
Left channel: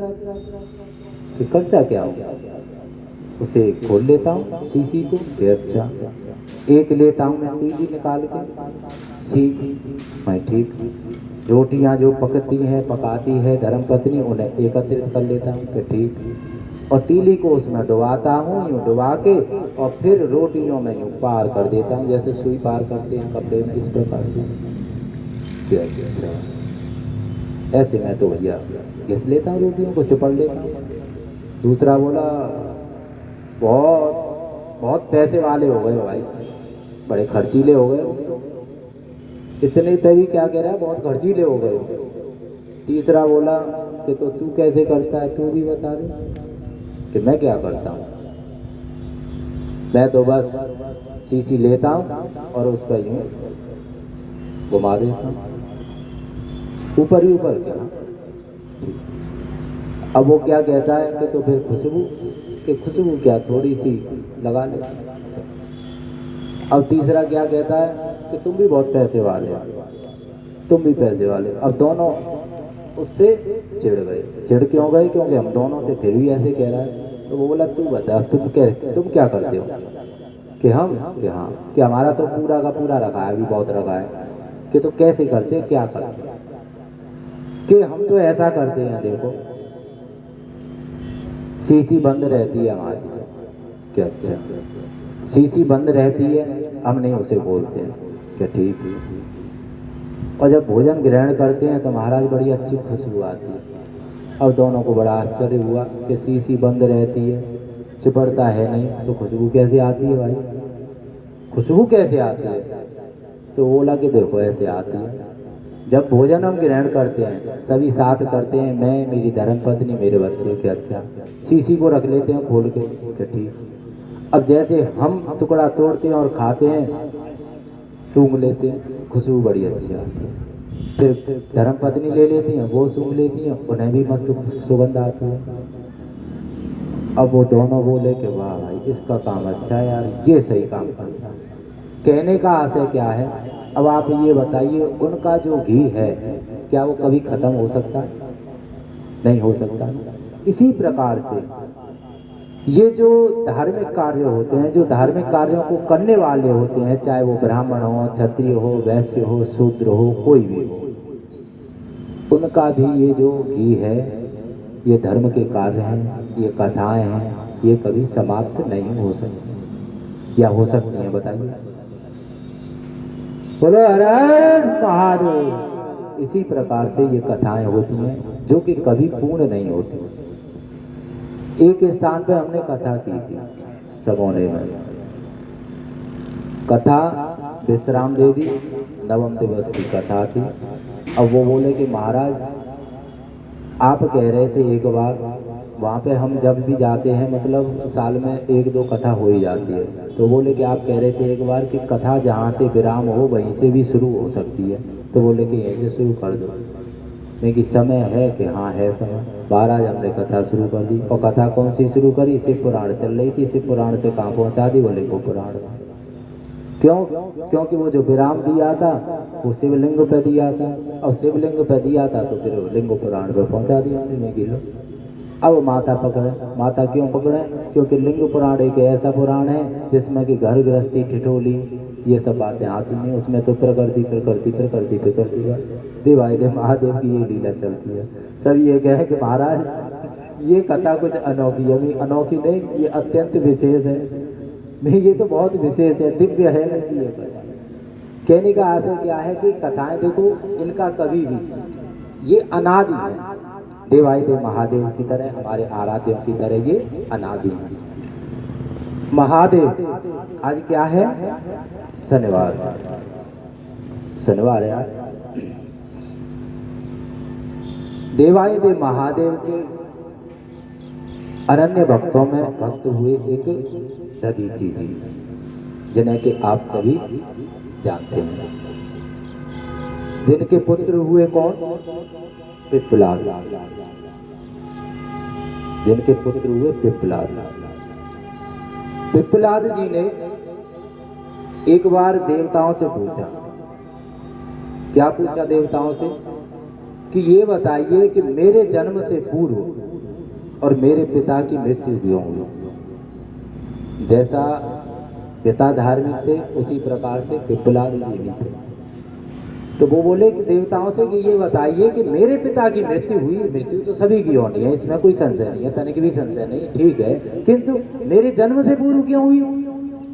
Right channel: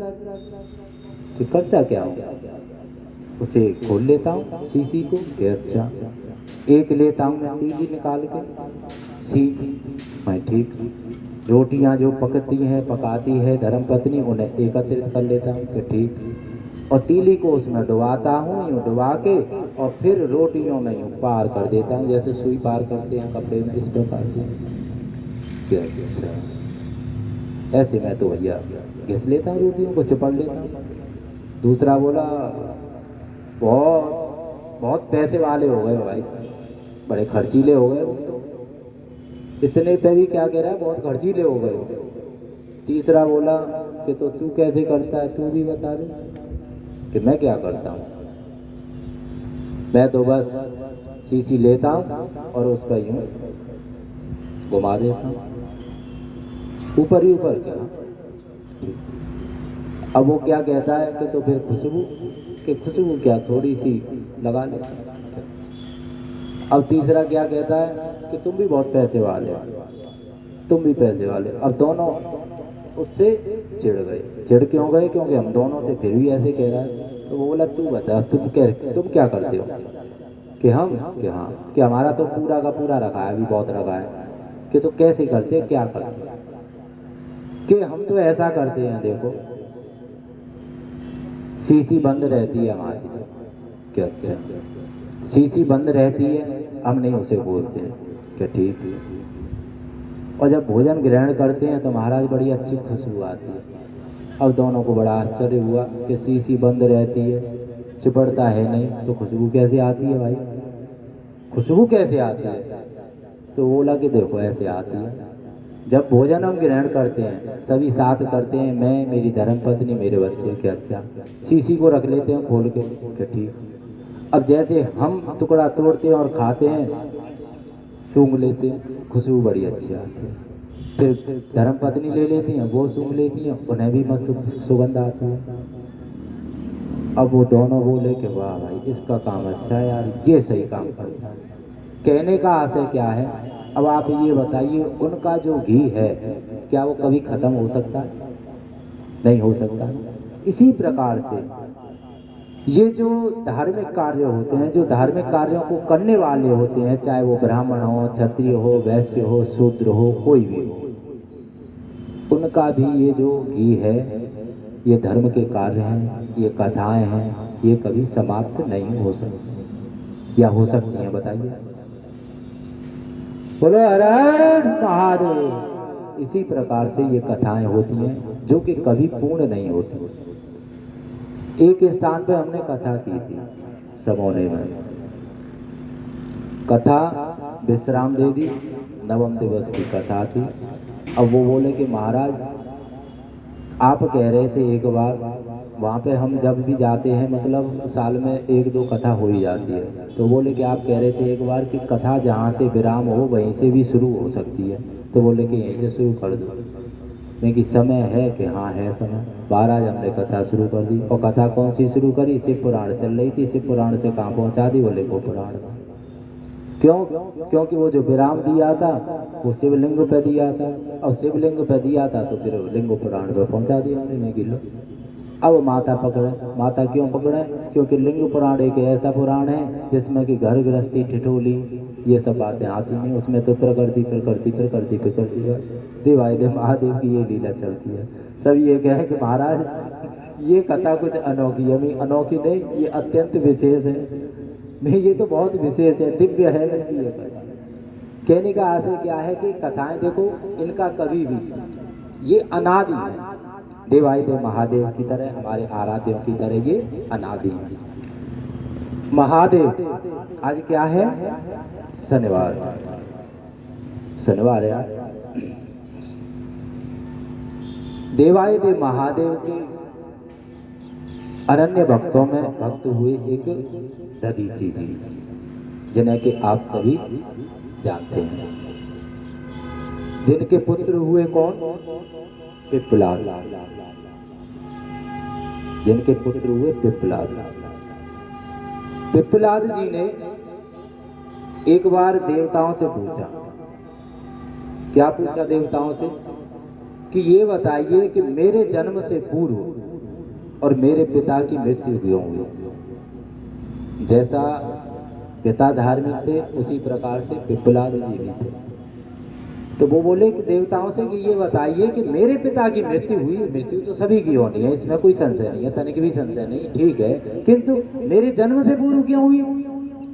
कि करता क्या हो? उसे खोल लेता हूँ शीशी को। कि अच्छा। एक लेता हूँ मैं तीली निकाल के, मैं ठीक। रोटियां जो पकती हैं, पकाती है धर्मपत्नी, उन्हें एकत्रित कर लेता हूँ। कि ठीक। और तीली को उसमें डुबाता हूँ, यूँ डुबा के, और फिर रोटियों में यूँ पार कर देता हूँ, जैसे सुई पार करते हैं कपड़े में, इस प्रकार से। क्या? ऐसे मैं तो भैया घिस लेता हूँ रोटियों को, चिपड़ लेता हूँ। दूसरा बोला बहुत बहुत पैसे वाले हो गए भाई, बड़े खर्चीले हो गए हो तो। इतने पे भी क्या कह रहा है, बहुत खर्चीले हो गए हो। तीसरा बोला कि तो तू कैसे करता है, तू भी बता दे। कि मैं क्या करता हूँ, मैं तो बस शीशी लेता हूँ और उस पर यूं घुमा देता हूँ, ऊपर ही ऊपर क्या। अब वो क्या कहता है कि तो फिर खुशबू, कि खुशबू क्या थोड़ी सी लगा ले। अब तीसरा क्या कहता है कि तुम भी बहुत पैसे वाले हो, तुम भी पैसे वाले। अब दोनों उससे चिढ़ गए। चिढ़ क्यों गए, क्योंकि हम दोनों से फिर भी ऐसे कह रहा है। तो वो बोला तू बता, तुम क्या करते हो। कि हम, कि हाँ, कि हमारा तो पूरा का पूरा रखा है, अभी बहुत रखा है। कि तो कैसे करते हो, क्या करते हो। कि हम तो ऐसा करते हैं, देखो शीशी बंद रहती है हमारी तो। क्या अच्छा, शीशी बंद रहती है, हम नहीं उसे बोलते हैं। क्या ठीक है। और जब भोजन ग्रहण करते हैं तो महाराज बड़ी अच्छी खुशबू आती है। अब दोनों को बड़ा आश्चर्य हुआ कि शीशी बंद रहती है, चिपड़ता है नहीं, तो खुशबू कैसे आती है भाई, खुशबू कैसे आती है। तो बोला कि देखो ऐसे आती है, जब भोजन हम ग्रहण करते हैं सभी साथ करते हैं, मैं, मेरी धर्मपत्नी, मेरे बच्चे। के अच्छा, शीशी को रख लेते हैं खोल के। क्या ठीक। अब जैसे हम टुकड़ा तोड़ते हैं और खाते हैं, सूंघ लेते हैं, खुशबू बड़ी अच्छी आती है। फिर धर्मपत्नी ले लेती हैं, वो सूंघ लेती हैं, उन्हें भी मस्त सुगंध आती है। अब वो दोनों बोले कि वाह भाई इसका काम अच्छा है यार, ये सही काम करता है। कहने का आशय क्या है, अब आप ये बताइए, उनका जो घी है क्या वो कभी खत्म हो सकता है, नहीं हो सकता। इसी प्रकार से ये जो धार्मिक कार्य होते हैं, जो धार्मिक कार्यों को करने वाले होते हैं, चाहे वो ब्राह्मण हो, क्षत्रिय हो, वैश्य हो, शूद्र हो, कोई भी हो, उनका भी ये जो घी है, ये धर्म के कार्य हैं, ये कथाएं हैं, ये कभी समाप्त नहीं हो सकती, या हो सकती हैं, बताइए। बोलो हर महादेव। इसी प्रकार से ये कथाएं होती हैं जो कि कभी पूर्ण नहीं होती। एक स्थान पे हमने कथा की थी समोने में, कथा विश्राम दे दी, नवम दिवस की कथा थी। अब वो बोले कि महाराज आप कह रहे थे एक बार, वहाँ पे हम जब भी जाते हैं मतलब साल में एक दो कथा हो ही जाती है, तो बोले कि आप कह रहे थे एक बार कि कथा जहाँ से विराम हो वहीं से भी शुरू हो सकती है, तो बोले कि यहीं से शुरू कर दो। मैं कि समय है, कि हाँ है समय। 12 हमने कथा शुरू कर दी, और कथा कौन सी शुरू करी, शिव पुराण चल रही थी, शिव पुराण से कहाँ पहुँचा दी, बोले को पुराण। क्यों, क्योंकि वो जो विराम दिया था वो शिवलिंग पे दिया था, और शिवलिंग पे दिया था तो फिर लिंग पुराण पे पहुंचा दिया हमने कि लो। अब माता पकड़े, माता क्यों पकड़े, क्योंकि लिंग पुराण एक ऐसा पुराण है जिसमें कि घर गृहस्थी, ठिठोली, ये सब बातें आती नहीं, उसमें तो प्रकृति प्रकृति प्रकृति प्रकृति, बस देवाय देव महादेव की ये लीला चलती है। सब ये कहे कि महाराज ये कथा कुछ अनोखी है, नहीं अनोखी नहीं, ये अत्यंत विशेष है, नहीं ये तो बहुत विशेष है, दिव्य है नहीं ये कथा। कहने का आशय क्या है कि कथाएं देखो इनका कभी भी ये अनादि है, देवाय देव महादेव की तरह, हमारे आराध्यों की तरह ये अनादि है। महादेव आज क्या है, शनिवार, शनिवार है आज। देवाय देव महादेव के अनन्य भक्तों में भक्त हुए एक दधीची जी, जिन्हें कि आप सभी जानते हैं, जिनके पुत्र हुए कौन, पिप्पलाद, जिनके पुत्र हुए पिप्पलाद। पिप्पलाद जी ने एक बार देवताओं से पूछा, क्या पूछा देवताओं से, कि ये बताइए कि मेरे जन्म से पूर्व और मेरे पिता की मृत्यु क्यों हुई। जैसा पिता धार्मिक थे उसी प्रकार से पिप्पलाद जी भी थे। तो वो बोले कि देवताओं से कि ये बताइए कि मेरे पिता की मृत्यु हुई, मृत्यु तो सभी की होनी है, इसमें कोई संशय नहीं है, तनिक भी संशय नहीं, ठीक है, किंतु मेरे जन्म से पूर्व क्यों हुई।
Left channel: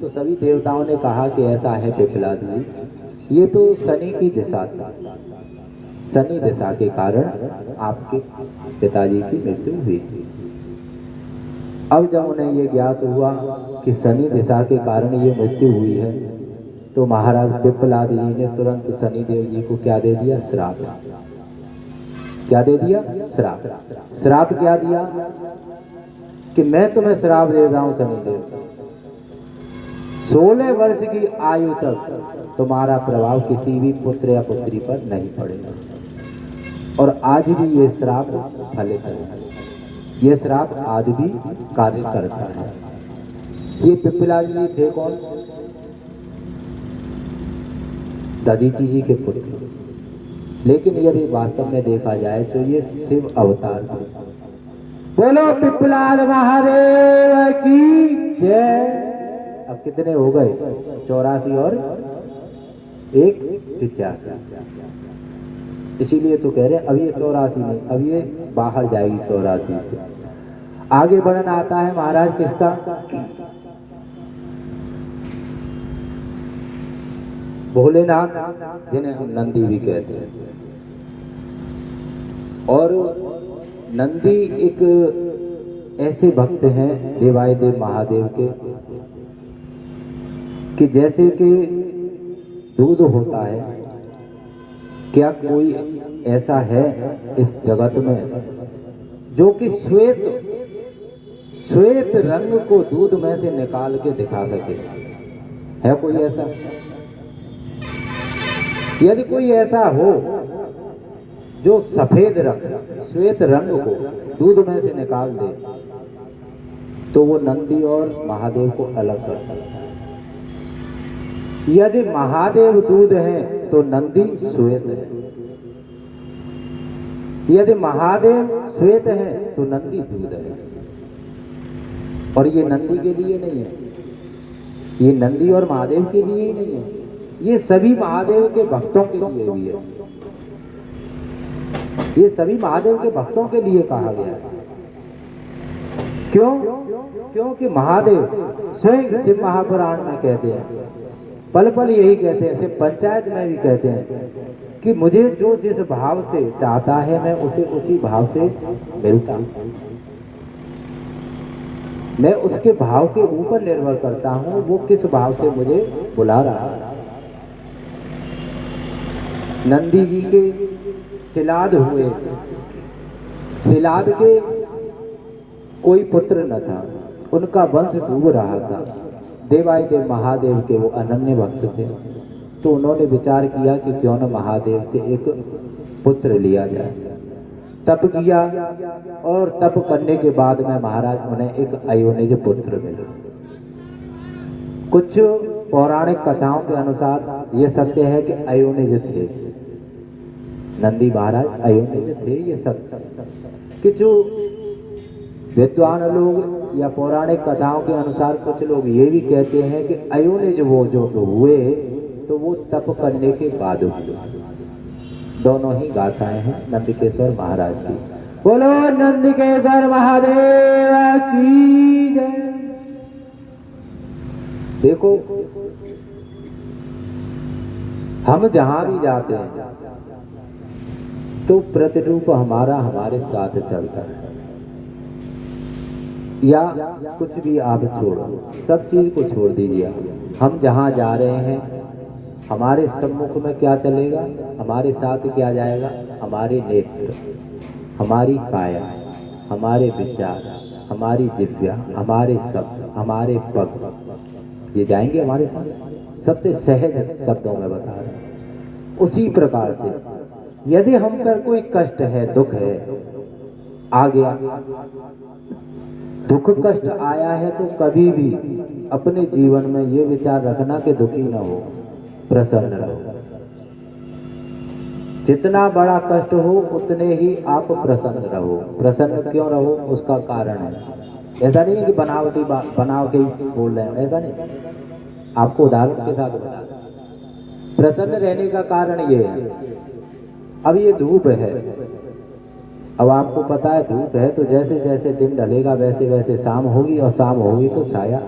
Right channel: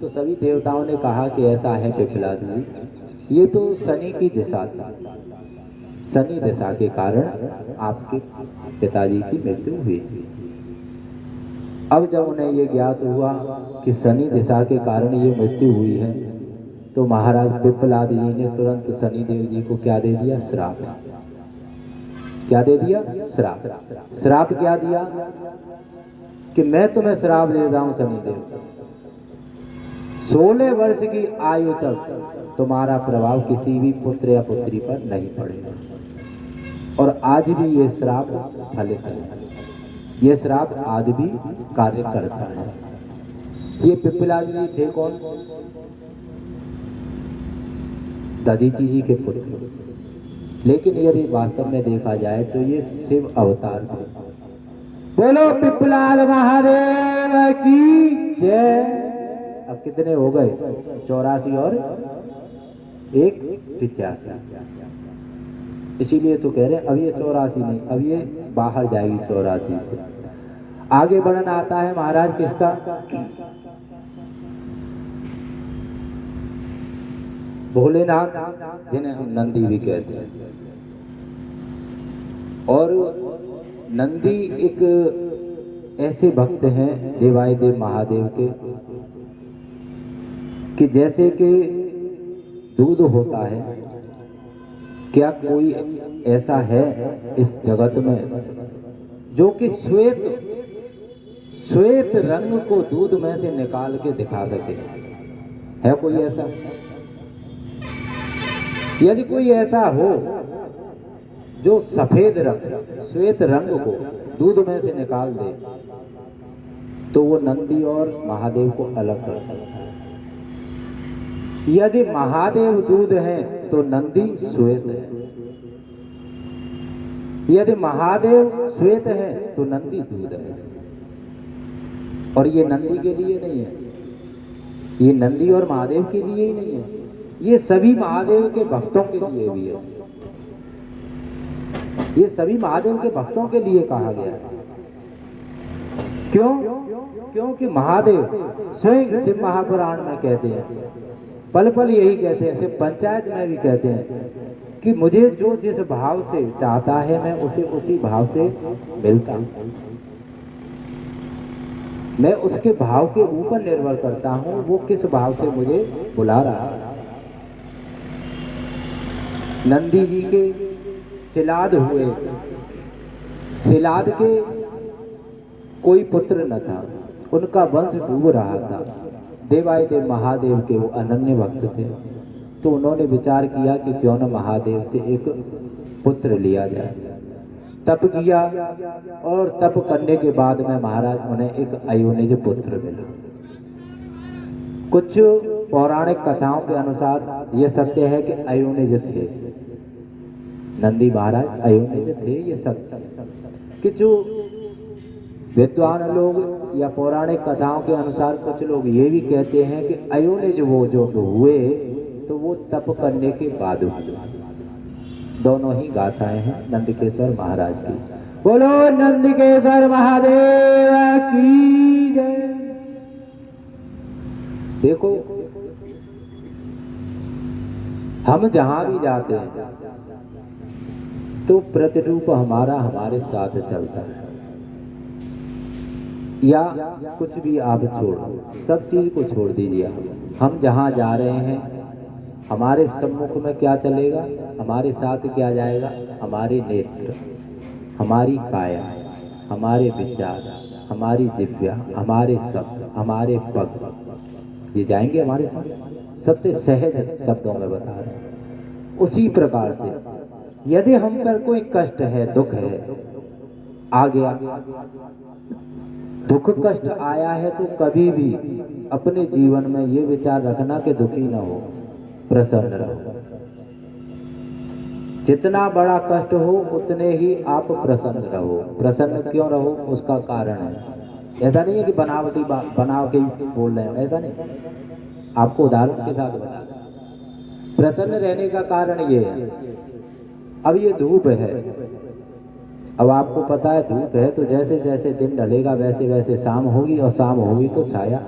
तो सभी देवताओं ने कहा कि ऐसा है पिप्पलाद जी, ये तो शनि की दिशा थी, शनि दशा के कारण आपके पिताजी की मृत्यु हुई थी। अब जब उन्हें ये ज्ञात हुआ कि शनि दशा के कारण ये मृत्यु हुई है, तो महाराज पिप्पलाद जी ने तुरंत शनिदेव जी को क्या दे दिया? श्राप। क्या दे दिया? श्राप। श्राप क्या दिया? कि मैं तुम्हें श्राप देता हूं शनिदेव, 16 वर्ष की आयु तक तुम्हारा प्रभाव किसी भी पुत्र या पुत्री पर नहीं पड़ेगा। और आज भी ये श्राप फलित है, ये श्राप आज भी कार्य करता है। ये पिप्पलाद जी थे कौन? दधीची जी के पुत्र। लेकिन यदि वास्तव में देखा जाए तो ये शिव अवतार थे। बोलो पिप्पलाद महादेव की जय। अब कितने हो गए? 84 और 1 85। इसीलिए तो कह रहे हैं अब ये 84 नहीं, अब ये बाहर जाएगी 84 से। आगे वर्णन आता है महाराज किसका? भोलेनाथ, जिन्हें हम नंदी भी कहते हैं। और नंदी एक ऐसे भक्त हैं देवादिदेव महादेव के कि जैसे कि दूध होता है, क्या कोई ऐसा है इस जगत में जो कि श्वेत रंग को दूध में से निकाल के दिखा सके? है कोई ऐसा? यदि कोई ऐसा हो जो सफेद रंग, श्वेत रंग को दूध में से निकाल दे, तो वो नंदी और महादेव को अलग कर सकता है। यदि महादेव दूध है तो नंदी श्वेत है, यदि महादेव श्वेत है तो नंदी दूध है। और ये नंदी के लिए नहीं है, ये नंदी और महादेव के लिए ही नहीं है, ये सभी महादेव के भक्तों के लिए भी है। ये सभी महादेव के भक्तों के लिए कहा गया है। क्यों? क्योंकि महादेव स्वयं शिव महापुराण में कहते हैं, पल पल यही कहते हैं, शिव पंचायत में भी कहते हैं कि मुझे जो जिस भाव से चाहता है मैं उसे उसी भाव से मिलता हूं। मैं उसके भाव के ऊपर निर्भर करता हूं, वो किस भाव से मुझे बुला रहा है। नंदी जी के सिलाद हुए, सिलाद के कोई पुत्र न था, उनका वंश डूब रहा था। देवादिदेव महादेव के वो अनन्य भक्त थे, तो उन्होंने विचार किया कि क्यों न महादेव से एक पुत्र लिया जाए। तप किया और तप करने के बाद में महाराज उन्हें एक अयोनिज पुत्र मिला। कुछ पौराणिक कथाओं के अनुसार यह सत्य है कि अयोनिज थे, नंदी महाराज अयोनिज थे। ये सत्य कि जो विद्वान लोग या पौराणिक कथाओं के अनुसार कुछ लोग ये भी कहते हैं कि अयोनिज वो जो हुए तो वो तप करने के बाद हुए। दोनों ही गाथाएं हैं नंदकेश्वर महाराज की। बोलो नंदकेश्वर महादेव की जय। देखो, हम जहां भी जाते हैं तो प्रतिरूप हमारा हमारे साथ चलता है, या कुछ भी आप छोड़ो, सब चीज को छोड़ दीजिए। हम जहां जा रहे हैं हमारे सम्मुख में क्या चलेगा, हमारे साथ क्या जाएगा? हमारे नेत्र, हमारी काया, हमारे विचार, हमारी जिह्वा, हमारे शब्द, हमारे पग, ये जाएंगे हमारे साथ। सबसे सहज शब्दों में बता रहे हैं। उसी प्रकार से यदि हम पर कोई कष्ट है, दुख है, आ गया, दुख कष्ट आया है, तो कभी भी अपने जीवन में ये विचार रखना कि दुखी ना हो, प्रसन्न रहो। जितना बड़ा कष्ट हो उतने ही आप प्रसन्न रहो। प्रसन्न क्यों रहो, उसका कारण है। ऐसा नहीं है कि बनावटी बना के बोल रहे हैं, ऐसा नहीं, आपको उदाहरण के साथ बता। प्रसन्न रहने का कारण ये है, अब ये धूप है, अब आपको पता है धूप है, तो जैसे जैसे दिन ढलेगा वैसे वैसे शाम होगी, और शाम होगी तो छाया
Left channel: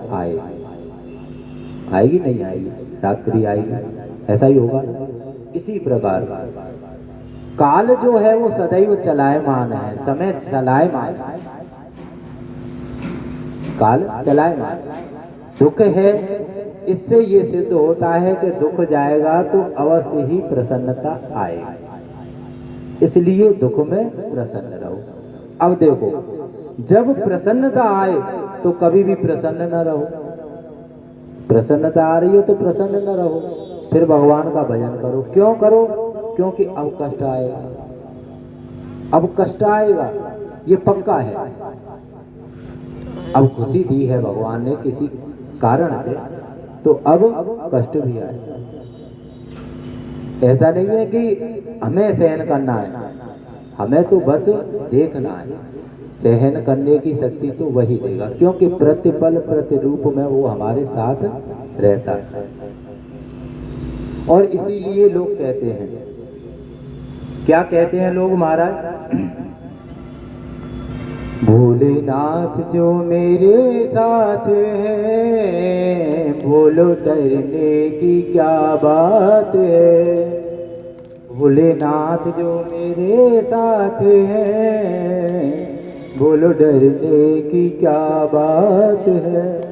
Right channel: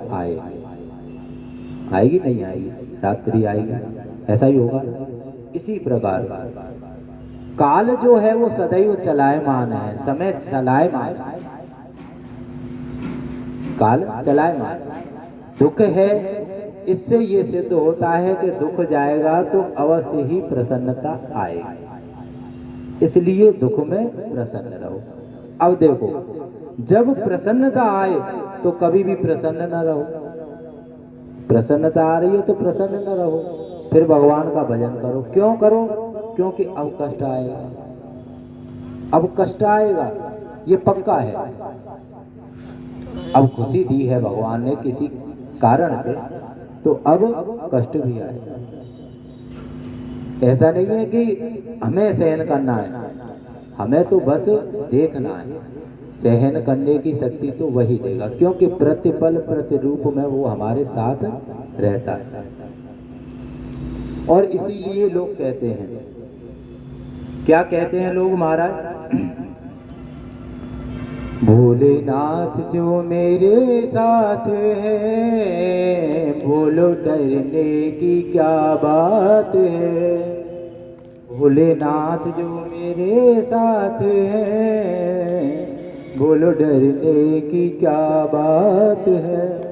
आएगी नहीं आएगी, रात्रि आएगी, ऐसा ही होगा। इसी प्रकार काल जो है वो सदैव चलायमान है, समय चलायमान है, काल चलायमान। दुख है, इससे ये सिद्ध होता है कि दुख जाएगा तो अवश्य ही प्रसन्नता आएगी, इसलिए दुख में प्रसन्न रहो। अब देखो, जब प्रसन्नता आए तो कभी भी प्रसन्न न रहो, प्रसन्नता आ रही है तो प्रसन्न न रहो, फिर भगवान का भजन करो। क्यों करो? क्योंकि अब कष्ट आएगा, अब कष्ट आएगा, ये पक्का है। अब खुशी दी है भगवान ने किसी कारण से, तो अब कष्ट भी आएगा। ऐसा नहीं है कि हमें सहन करना है, हमें तो बस देखना है। सहन करने की शक्ति तो वही देगा, क्योंकि प्रतिपल प्रतिरूप में वो हमारे साथ रहता है। और इसीलिए लोग कहते हैं, क्या कहते हैं लोग महाराज? भोलेनाथ जो मेरे साथ है, बोलो डरने की क्या बात है। भोलेनाथ जो मेरे साथ है, बोलो डरने की क्या बात है।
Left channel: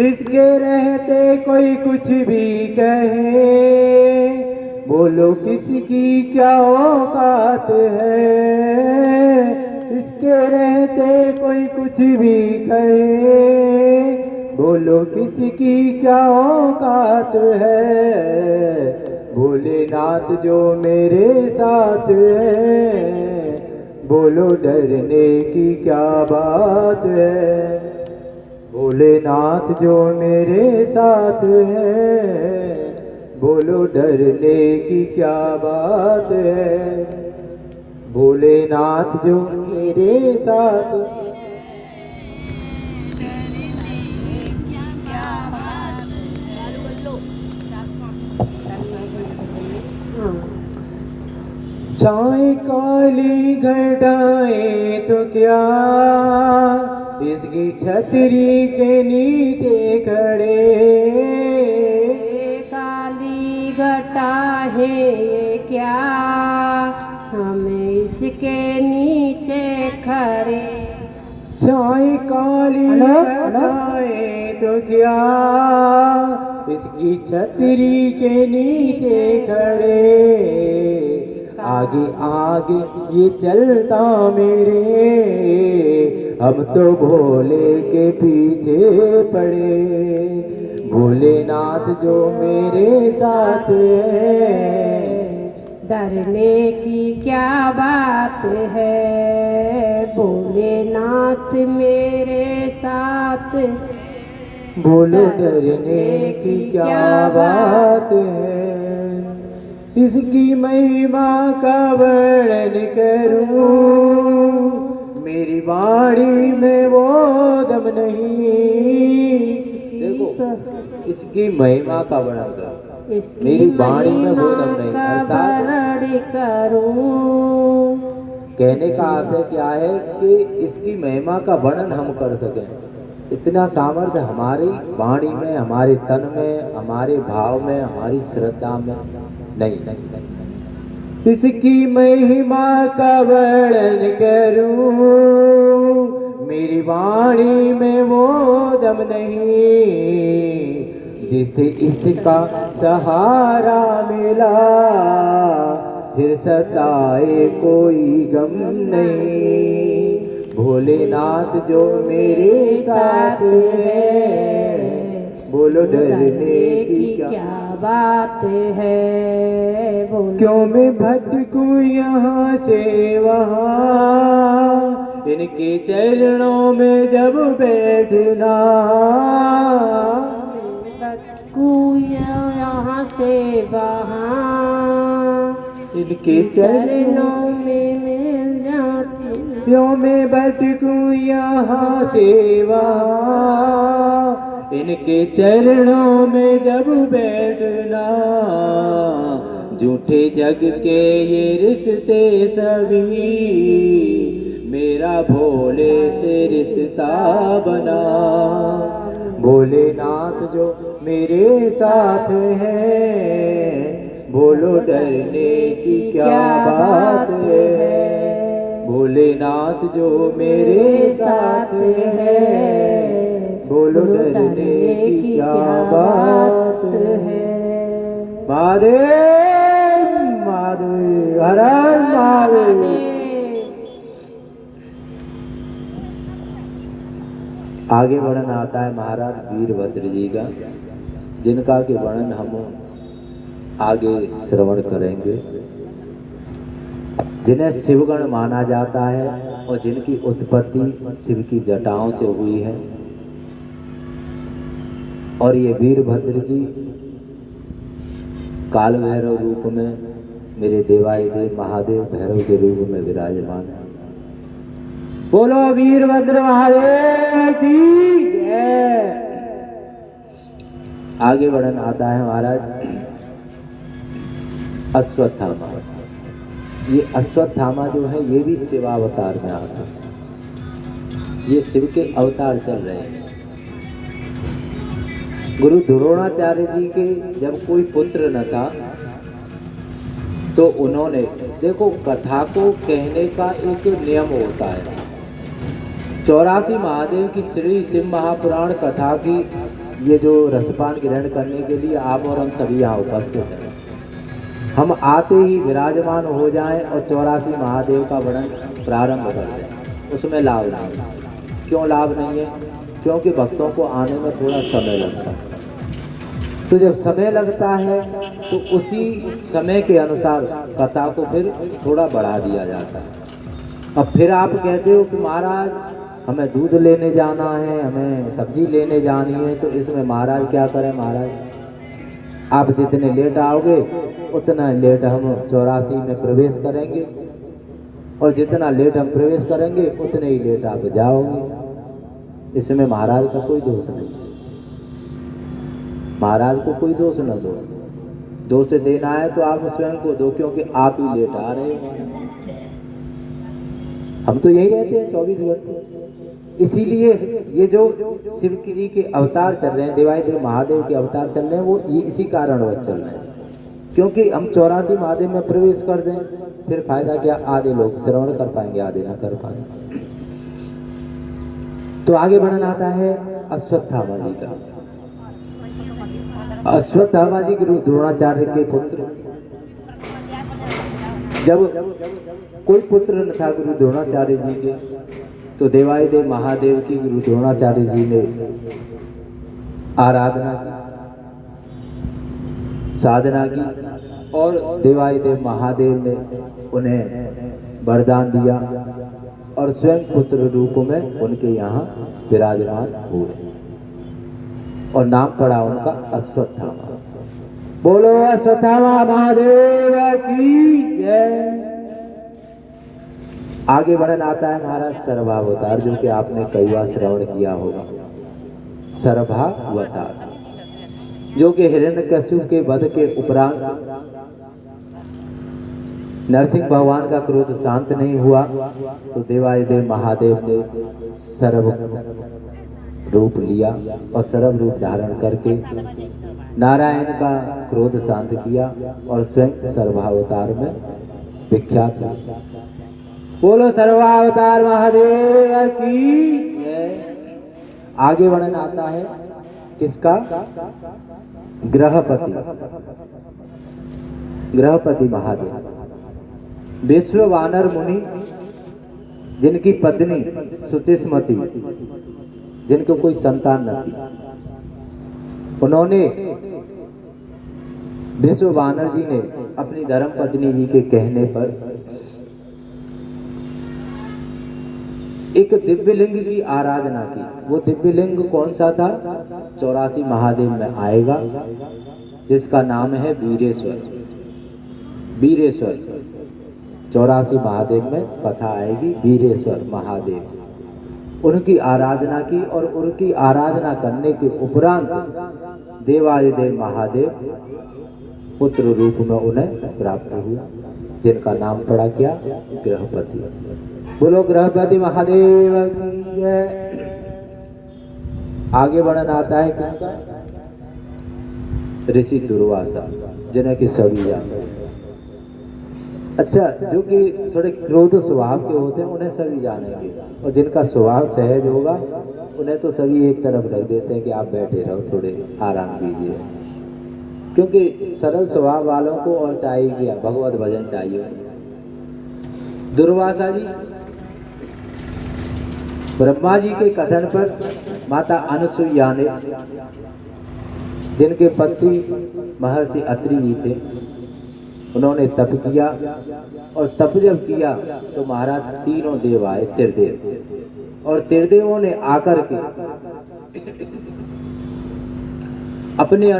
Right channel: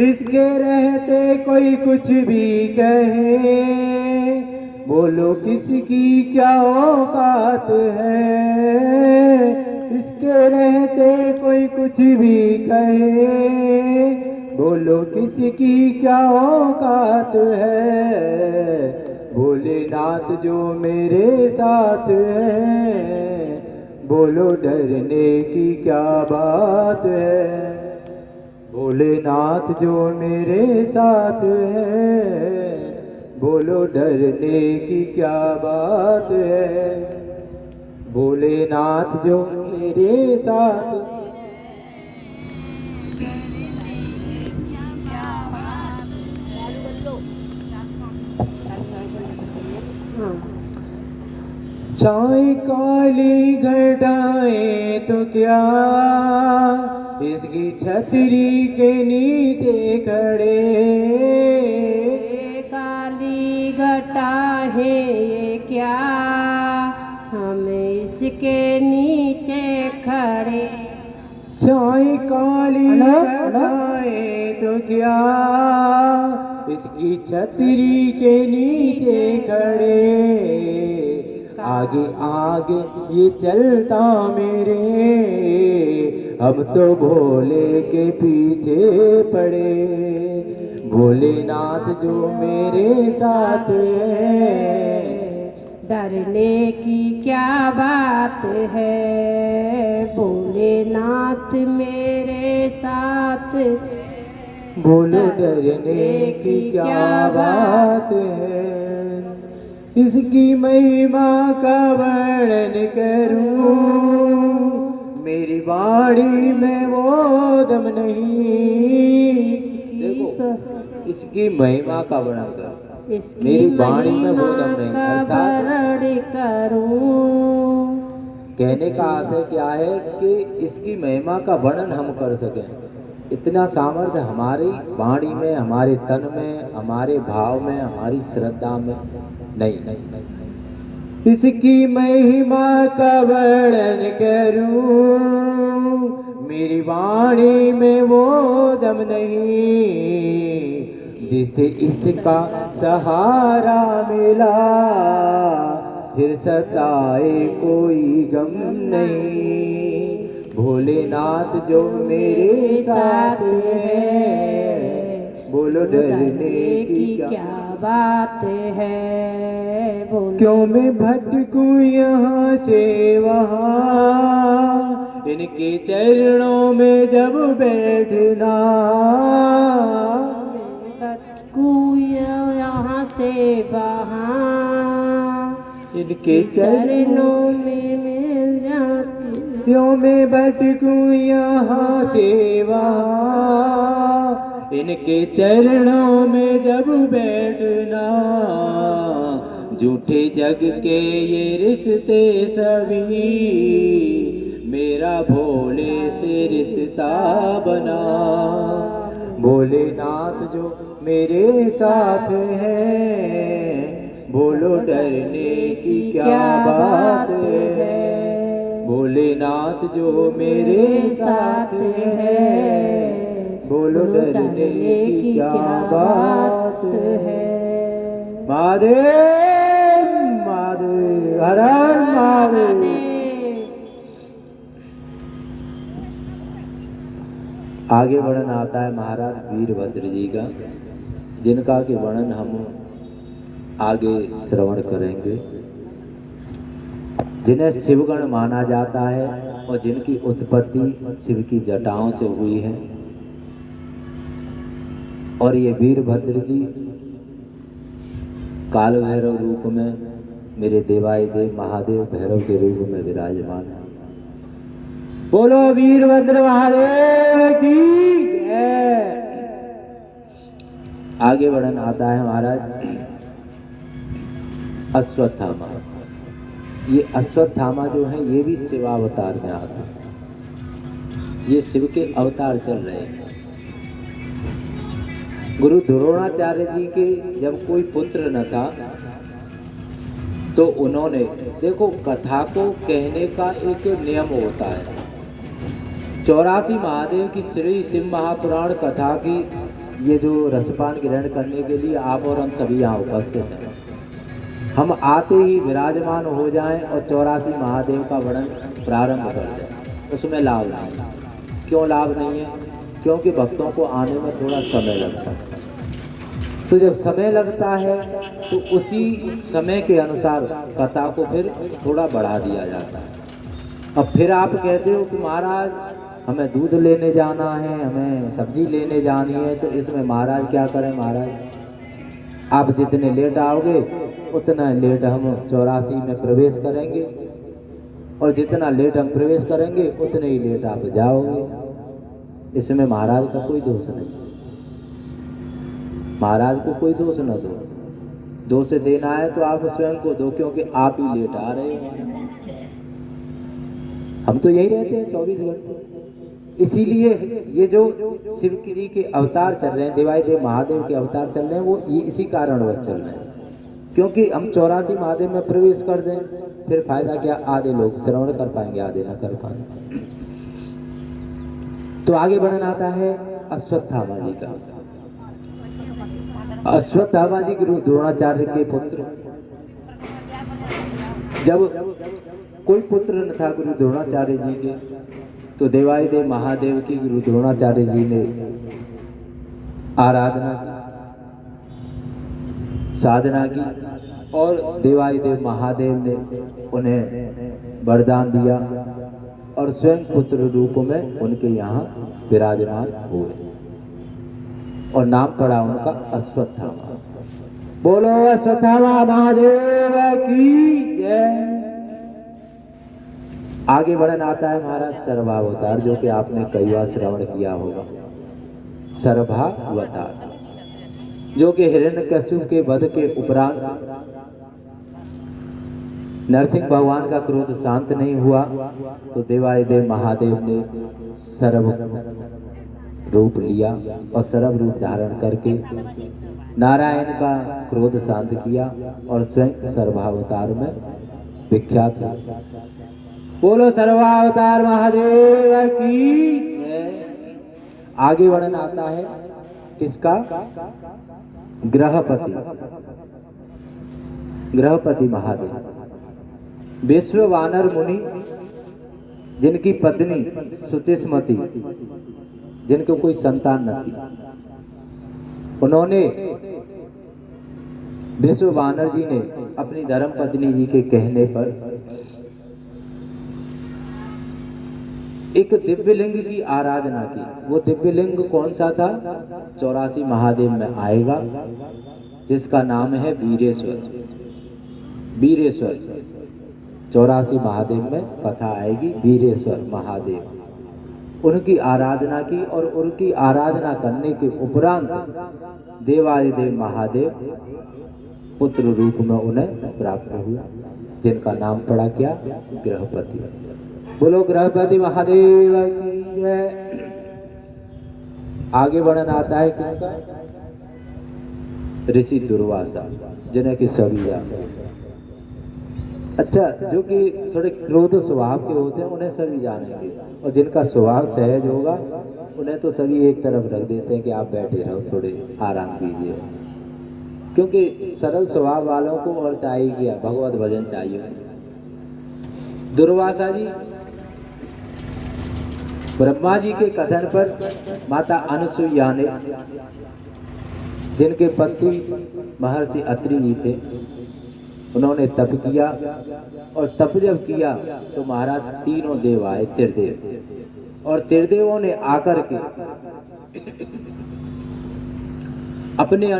इसके रहते कोई कुछ भी कहे, बोलो किसकी क्या औकात है। इसके रहते कोई कुछ भी कहे, बोलो किसकी क्या औकात है। भोलेनाथ जो मेरे साथ है, बोलो डरने की क्या बात है। भोलेनाथ जो मेरे साथ है, बोलो डरने की क्या बात है। भोलेनाथ जो मेरे साथ चाहे काली घटाएं तो क्या, इसकी छतरी के नीचे खड़े। काली घटा है क्या, हमें इसके नीचे खड़े। चाहे काली घटाएं तो क्या, इसकी छतरी के नीचे खड़े। आगे आगे ये चलता मेरे, हम तो भोले के पीछे पड़े। भोलेनाथ जो मेरे साथ है, डरने की क्या बात है। भोलेनाथ मेरे साथ, बोलो डरने की क्या बात है। इसकी महिमा का वर्णन करूं, मेरी वाणी में वो दम नहीं। देखो, इसकी महिमा का वर्णन करो, मेरी वाणी में वो दम नहीं। अर्थात करूं, कहने का आशय क्या है कि इसकी महिमा का वर्णन हम कर सकें, इतना सामर्थ्य हमारी वाणी में, हमारे तन में, हमारे भाव में, हमारी श्रद्धा में नहीं। इसकी महिमा का वर्णन करूं, मेरी वाणी में वो दम नहीं। जिसे इसका सहारा मिला, फिर सताए कोई गम नहीं। भोलेनाथ जो मेरे साथ है, बोलो डरने की क्या बात है। क्यों मैं भटकूं यहाँ से वहाँ, इनके चरणों में जब बैठना। भटकूं यहाँ से वहाँ, इनके चरणों में मिल जाती। क्यों मैं भटकूं यहाँ से वहाँ, इनके चरणों में जब बैठना। झूठे जग के ये रिश्ते सभी, मेरा भोले से रिश्ता बना। भोलेनाथ जो मेरे साथ है, बोलो डरने की क्या बात है, भोलेनाथ जो मेरे साथ है, बोलो डरने की क्या बात है। महादेव महादेव हर हर महादेव। आगे वर्णन आता है महाराज वीरभद्र जी का, जिनका के वर्णन हम आगे श्रवण करेंगे। जिन्हें शिवगण माना जाता है और जिनकी उत्पत्ति शिव की जटाओं से हुई है। और ये वीरभद्र जी काल भैरव रूप में, मेरे देवाय देव महादेव भैरव के रूप में विराजमान है। बोलो वीरभद्र महादेव की जय। आगे वर्णन आता है महाराज अश्वत्थामा। ये अश्वत्थामा जो है ये भी शिवावतार में आते हैं, ये शिव के अवतार चल रहे हैं। गुरु द्रोणाचार्य जी के जब कोई पुत्र न था तो उन्होंने, देखो कथा को कहने का एक नियम होता है। 84 महादेव की श्री शिव महापुराण कथा की ये जो रसपान ग्रहण करने के लिए आप और हम सभी यहाँ उपस्थित हैं, हम आते ही विराजमान हो जाएं और 84 महादेव का वर्णन प्रारंभ कर दें, उसमें लाभ नहीं है। क्यों लाभ नहीं है? क्योंकि भक्तों को आने में थोड़ा समय लगता है। तो जब समय लगता है तो उसी समय के अनुसार कथा को फिर थोड़ा बढ़ा दिया जाता है। अब फिर आप कहते हो कि महाराज हमें दूध लेने जाना है, हमें सब्जी लेने जानी है, तो इसमें महाराज क्या करें? महाराज आप जितने लेट आओगे उतना लेट हम 84 में प्रवेश करेंगे, और जितना लेट हम प्रवेश करेंगे उतने ही लेट आप जाओगे। इसमें महाराज का कोई दोष नहीं, महाराज को कोई दोष न दो। दोष देना है तो आप स्वयं को दो, क्योंकि आप ही लेट आ रहे हो। हम तो यही रहते हैं 24 घंटे। इसीलिए ये जो शिव जी के अवतार चल रहे हैं, देवाय देव महादेव के अवतार चल रहे हैं, वो ये इसी कारणवश चल रहे हैं। क्योंकि हम 84 महादेव में प्रवेश कर दें फिर फायदा क्या? आधे लोग श्रवण कर पाएंगे, आधे ना कर पाएंगे। तो आगे वर्णन आता है अश्वत्थामा जी का। अश्वत्थामा जी गुरु द्रोणाचार्य के पुत्र। जब कोई पुत्र न था गुरु द्रोणाचार्य जी के, तो देवाय देव महादेव की गुरु द्रोणाचार्य जी ने आराधना की, साधना की, और देवाय देव महादेव ने उन्हें वरदान दिया और स्वयं पुत्र रूप में उनके यहाँ विराजमान हुए और नाम पड़ा उनका अश्वत्थामा। बोलो अश्वत्थामा महादेव की जय। आगे वर्णन आता है महाराज सर्वावतार, जो कि आपने कई बार श्रवण किया होगा। सर्वावतार जो कि हिरण्यकश्यप के वध के उपरांत नरसिंह भगवान का क्रोध शांत नहीं हुआ, तो देवाय देव महादेव ने सर्व रूप लिया और सर्व रूप धारण करके नारायण का क्रोध शांत किया और स्वयं सर्वावतार में विख्यात हुआ। बोलो सर्वावतार महादेव की जय। आगे वर्णन आता है किसका? ग्रहपति। ग्रहपति महादेव विश्व वानर मुनि, जिनकी पत्नी सुचिस्मति, जिनको कोई संतान न थी, उन्होंने विश्व वानर जी ने अपनी धर्म पत्नी जी के कहने पर एक दिव्यलिंग की आराधना की। वो दिव्यलिंग कौन सा था? 84 महादेव में आएगा, जिसका नाम है वीरेश्वर। वीरेश्वर 84 महादेव में कथा आएगी, वीरेश्वर महादेव। उनकी आराधना की और उनकी आराधना करने के उपरांत देवादिदेव महादेव पुत्र रूप में उन्हें प्राप्त हुआ, जिनका नाम पड़ा क्या? ग्रहपति। बोलो ग्रहपति महादेव की जय। आगे वर्णन आता है किसका? ऋषि दुर्वासा। जिन्हें कि सभी जाने। अच्छा, जो कि थोड़े क्रोध स्वभाव के होते हैं उन्हें सभी जानेंगे, और जिनका स्वभाव सहज होगा उन्हें तो सभी एक तरफ रख देते हैं कि आप बैठे रहो, थोड़े आराम कीजिए। क्योंकि सरल स्वभाव वालों को और चाहिए क्या, भगवत भजन चाहिए। दुर्वासा जी ब्रह्मा जी के कथन पर माता अनुसुईया ने, जिनके पति महर्षि अत्रि जी थे, उन्होंने तप किया, और तप जब किया तो महाराज तीनों देव आए, त्रिदेव, और त्रिदेवों ने आकर के अपने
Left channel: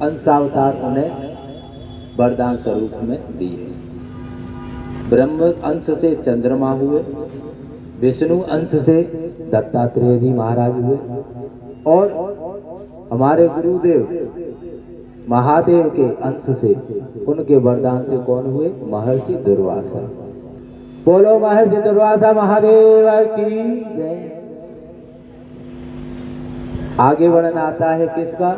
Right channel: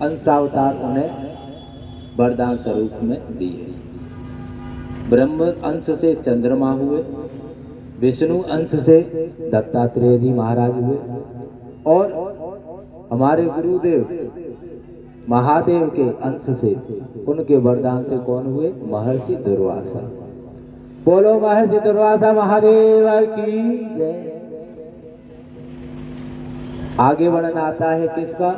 अंशावतार उन्हें वरदान स्वरूप में दिए। ब्रह्म अंश से चंद्रमा हुए, विष्णु अंश से दत्तात्रेय जी महाराज हुए, और हमारे गुरुदेव महादेव के अंश से, उनके वरदान से कौन हुए, महर्षि दुर्वासा। बोलो महर्षि दुर्वासा महादेव की जय। आगे वर्णन आता है किसका,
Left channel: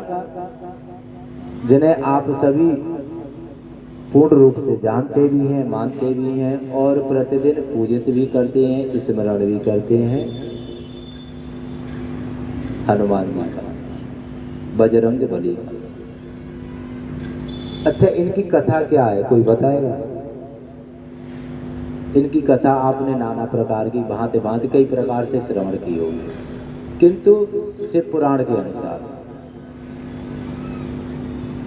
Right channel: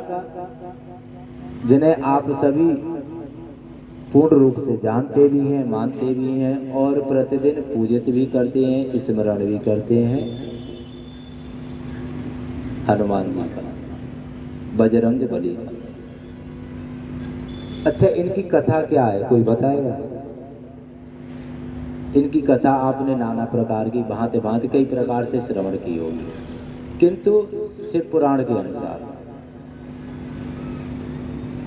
जिन्हें आप सभी पूर्ण रूप से जानते भी हैं, मानते भी हैं, और प्रतिदिन पूजित भी करते हैं, स्मरण भी करते हैं। हनुमान जी का, बजरंग बली का। अच्छा, इनकी कथा क्या है, कोई बताएगा? इनकी कथा आपने नाना प्रकार की, भांति भांति कई प्रकार से श्रवण की होगी, किंतु शिव पुराण के अनुसार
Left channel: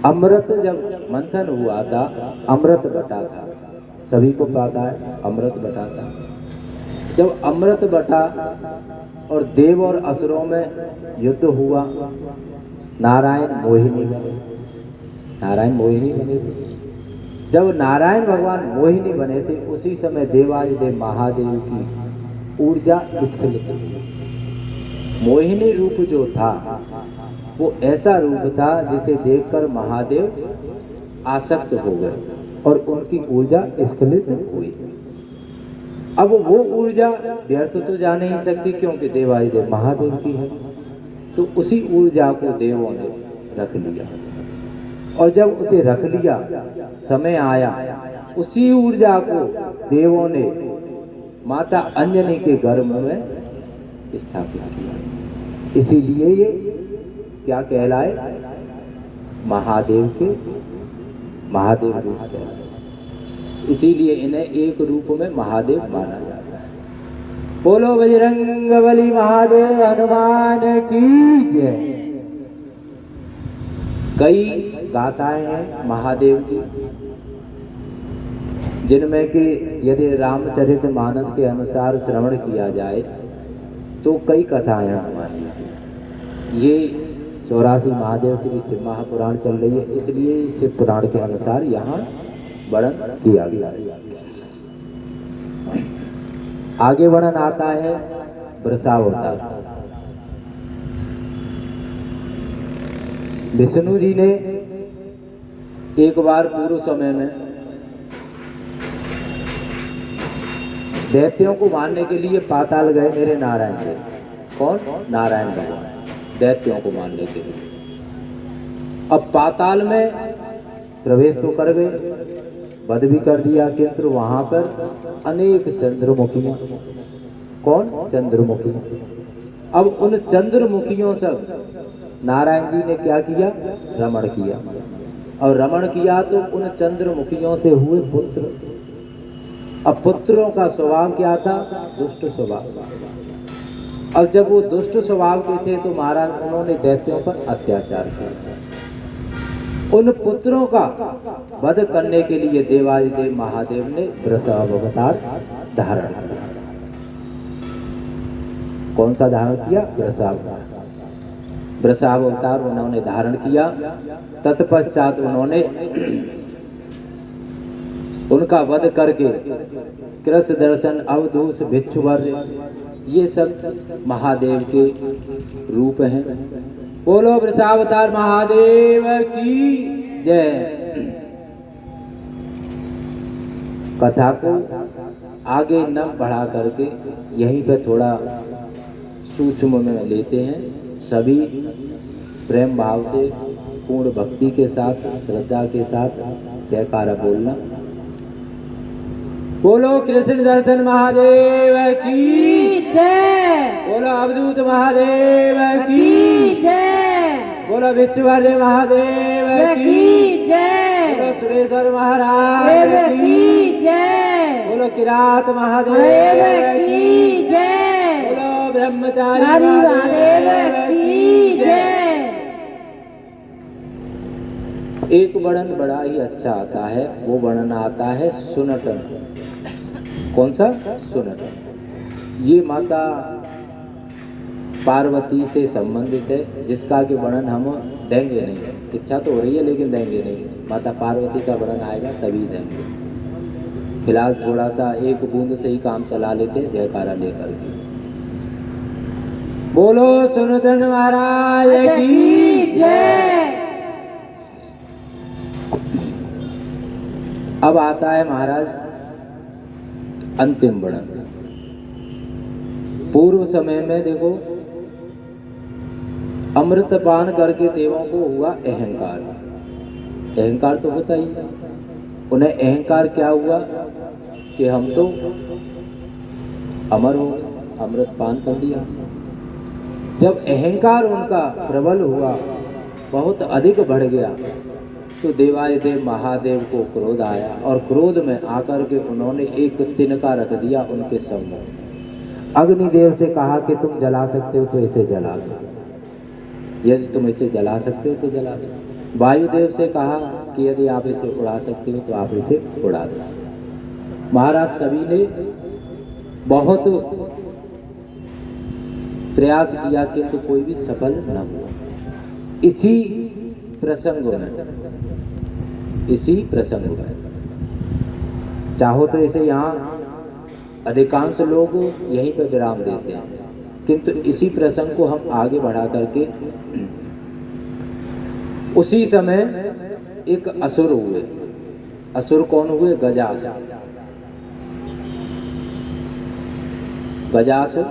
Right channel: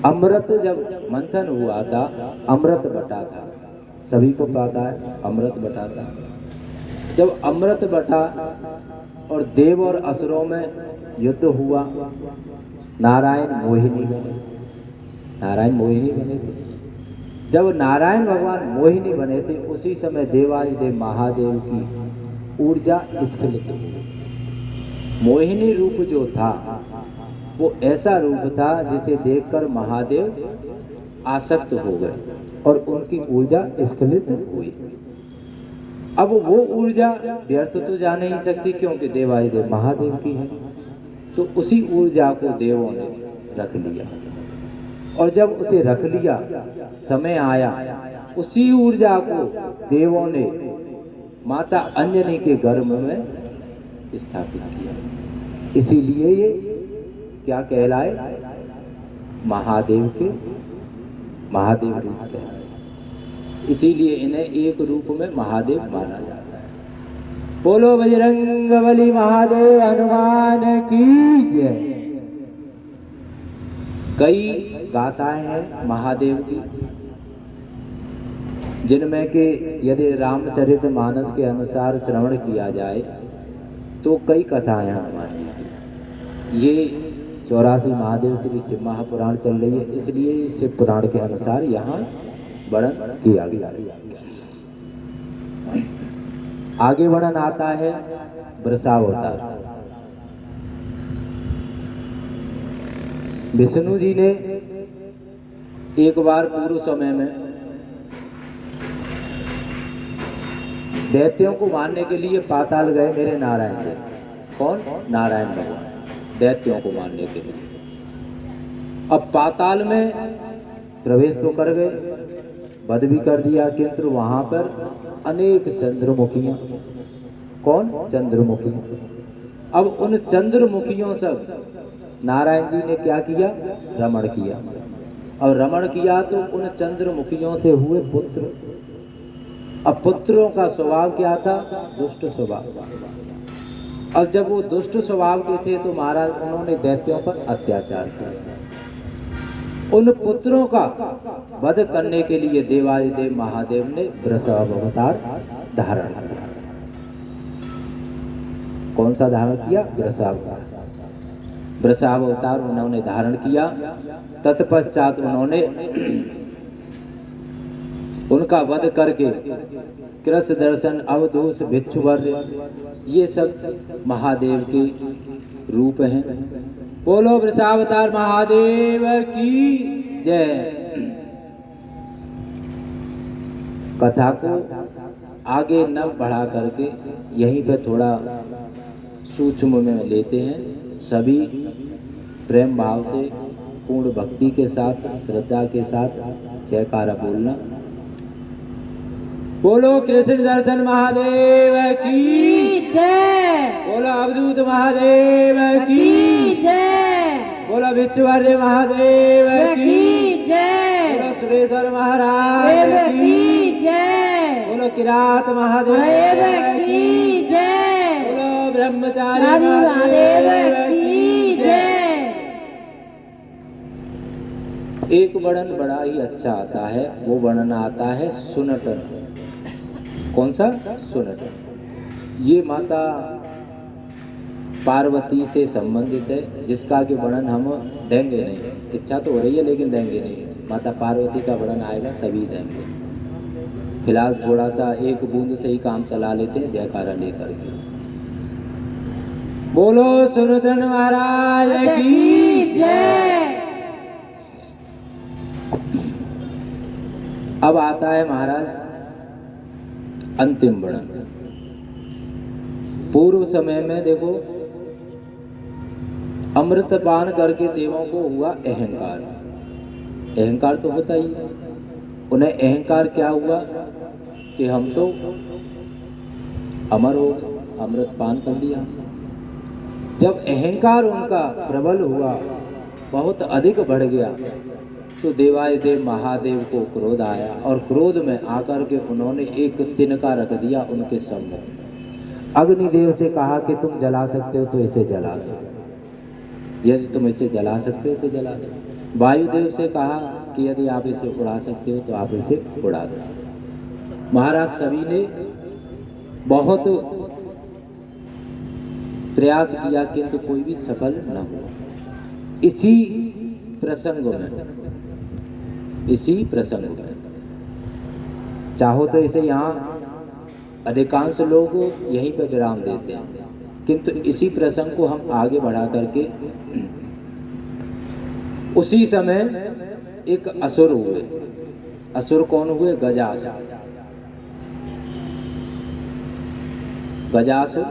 अमृत जब मंथन हुआ था, अमृत बटा था, सभी को पता है अमृत बटा था। जब अमृत बटा और देव और असुरों में युद्ध हुआ, नारायण मोहिनी बने, नारायण मोहिनी बने थे। जब नारायण भगवान मोहिनी बने थे, उसी समय देवादिदेव महादेव की ऊर्जा स्खलित हुई। मोहिनी रूप जो था वो ऐसा रूप था जिसे देखकर महादेव आसक्त हो गए और उनकी ऊर्जा स्खलित हुई। अब वो ऊर्जा व्यर्थ तो जा नहीं सकती, क्योंकि देवादिदेव महादेव की है, तो उसी ऊर्जा को देवों ने रख लिया, और जब उसे रख लिया, समय आया, उसी ऊर्जा को देवों ने माता अंजनी के गर्भ में स्थापित किया। इसीलिए ये क्या कहलाए, महादेव रूप कहलाए। इसीलिए इन्हें एक रूप में महादेव माना जाता है। बोलो बजरंग बली महादेव हनुमान की जय। कई गाथाएं हैं महादेव की, जिनमें कि यदि रामचरितमानस के अनुसार श्रवण किया जाए तो कई कथाएं हनुमान जी की। ये 84 महादेव श्री शिव महापुराण चल रही है, इसलिए शिव पुराण के अनुसार यहाँ वर्णन किया गया। आगे वर्णन आता है वृषावतार। विष्णु जी ने एक बार पूर्व समय में दैत्यों को मारने के लिए पाताल गए मेरे नारायण जी। कौन? नारायण भगवान, दैत्यों को मारने के लिए। अब पाताल में प्रवेश तो कर गए, वध भी कर दिया, किंतु वहां पर अनेक चंद्रमुखियां। कौन? चंद्रमुखियां। अब उन चंद्रमुखियों से नारायण जी ने क्या किया? रमण किया। और रमण किया तो उन चंद्रमुखियों से हुए पुत्र। अब पुत्रों का स्वभाव क्या था? दुष्ट स्वभाव। अब जब वो दुष्ट स्वभाव के थे तो महाराज उन्होंने दैत्यों पर अत्याचार किया। उन पुत्रों का वध करने के लिए देवादिदेव महादेव ने वृषावतार धारण किया। कौन सा धारण किया? वृषावतार। वृषावतार उन्होंने धारण किया। तत्पश्चात उन्होंने उनका वध करके कृष्ण दर्शन, अवधूत, भिक्षुवर्य, ये सब महादेव के रूप हैं। बोलो वृषावतार महादेव की जय। कथा को आगे न बढ़ा करके यहीं पे थोड़ा सूक्ष्म में लेते हैं। सभी प्रेम भाव से पूर्ण भक्ति के साथ, श्रद्धा के साथ जयकारा बोलना। बोलो कृष्ण दर्शन महादेव की जय, बोलो अवधूत महादेव की जय, बोलो विश्ववर्य महादेव की जय, बोलो सुरेश्वर महाराज की जय, बोलो किरात महादेव की जय, बोलो ब्रह्मचारी महादेव की जय। एक वर्णन बड़ा ही अच्छा आता है, वो वर्णन आता है सुनटन। कौन सा? सुनटन। ये माता पार्वती से संबंधित है, जिसका कि वर्णन हम देंगे नहीं, इच्छा तो हो रही है लेकिन देंगे नहीं। माता पार्वती का वर्णन आएगा तभी देंगे। फिलहाल थोड़ा सा एक बूंद से ही काम चला लेते हैं जयकारा लेकर के। बोलो सुनटन महाराज की जय। अब आता है महाराज अंतिम वर्णन। पूर्व समय में देखो, अमृतपान करके देवों को हुआ अहंकार। अहंकार तो होता ही है। उन्हें अहंकार क्या हुआ कि हम तो अमर हो गए, अमृतपान कर लिया। जब अहंकार उनका प्रबल हुआ, बहुत अधिक बढ़ गया, तो देवाधिदेव महादेव को क्रोध आया और क्रोध में आकर के उन्होंने एक तिनका रख दिया उनके सामने। अग्निदेव से कहा कि तुम जला सकते हो तो इसे जला दो, यदि तुम इसे जला सकते हो तो जला दो। वायुदेव से कहा कि यदि आप इसे उड़ा सकते हो तो आप इसे उड़ा दो। महाराज सभी ने बहुत प्रयास किया किंतु कोई भी सफल न हुआ। इसी प्रसंग में चाहो तो इसे यहाँ अधिकांश लोग यहीं पर विराम देते हैं, किंतु इसी प्रसंग को हम आगे बढ़ा करके, उसी समय एक असुर हुए। असुर कौन हुए? गजासुर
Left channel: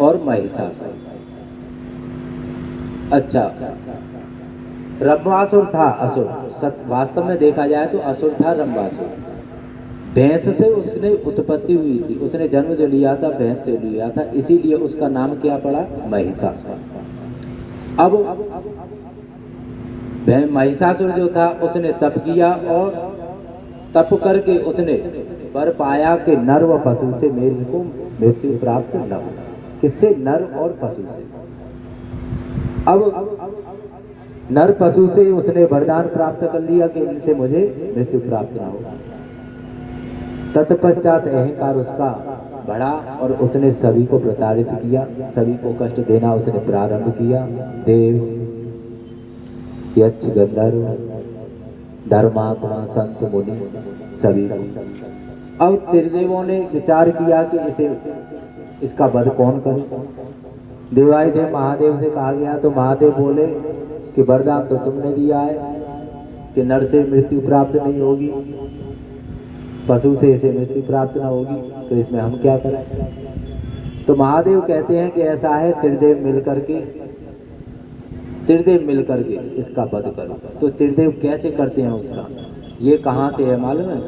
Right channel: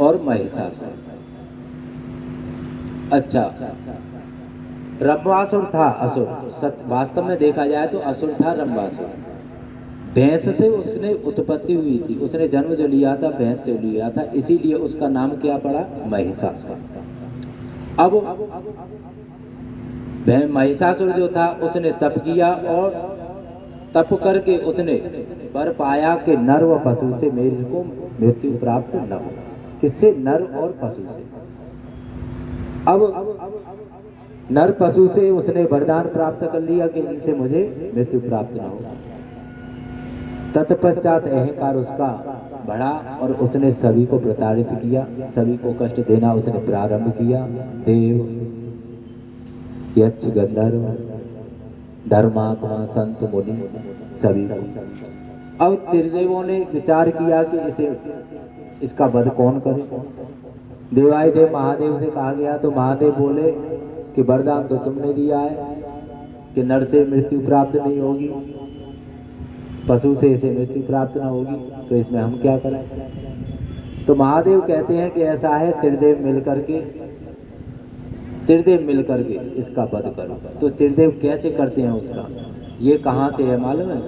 और महिषासुर। अच्छा, रंभासुर था असुर। वास्तव में देखा जाए तो असुर था रंभासुर। भैंस से उसने उत्पत्ति हुई थी, उसने जन्म जो लिया था भैंस से लिया था, इसीलिए उसका नाम क्या पड़ा? महिषासुर। अब महिषासुर जो था उसने तप किया और तप करके उसने वर पाया कि नर व पशु से मेरे को मृत्यु प्राप्त न हो। किससे? नर और पशु से। अब नर पशु से उसने वरदान प्राप्त कर लिया कि इनसे मुझे मृत्यु प्राप्त न हो। तत्पश्चात अहंकार उसका बढ़ा और उसने सभी को प्रताड़ित किया, सभी को कष्ट देना उसने प्रारंभ किया। देव, यक्ष, गंधर्व, धर्मात्मा, संत, मुनि सभी को। अब त्रिदेवों ने विचार किया कि इसका वध कौन करे। देवाधिदेव महादेव से कहा गया तो महादेव बोले कि वरदान तो तुमने दिया है कि नर से मृत्यु प्राप्त नहीं होगी, पशु से इसे मृत्यु प्राप्त न होगी, तो इसमें हम क्या करें। तो महादेव कहते हैं कि ऐसा है, त्रिदेव मिलकर के इसका वध करो। तो त्रिदेव कैसे करते हैं उसका? ये कहाँ से है मालूम है?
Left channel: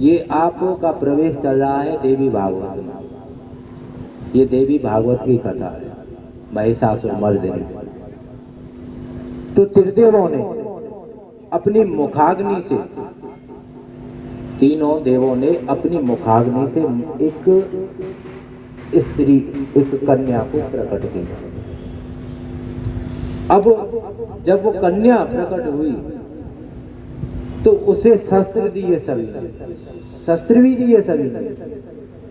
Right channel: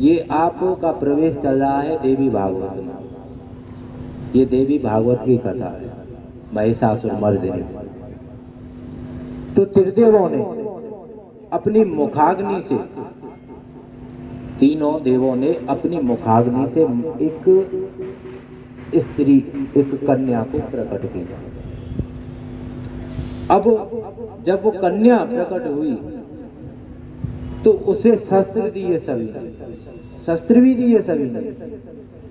ये आपका प्रवेश चल रहा है देवी भागवत में। ये देवी भागवत की कथा है, महिषासुर मर्दिनी। तो त्रिदेवों ने अपनी मुखाग्नि से, तीनों देवों ने अपनी मुखाग्नि से एक स्त्री, एक कन्या को प्रकट किया। अब जब वो कन्या प्रकट हुई तो उसे शस्त्र दिए सभी ने, शस्त्र भी दिए सभी ने।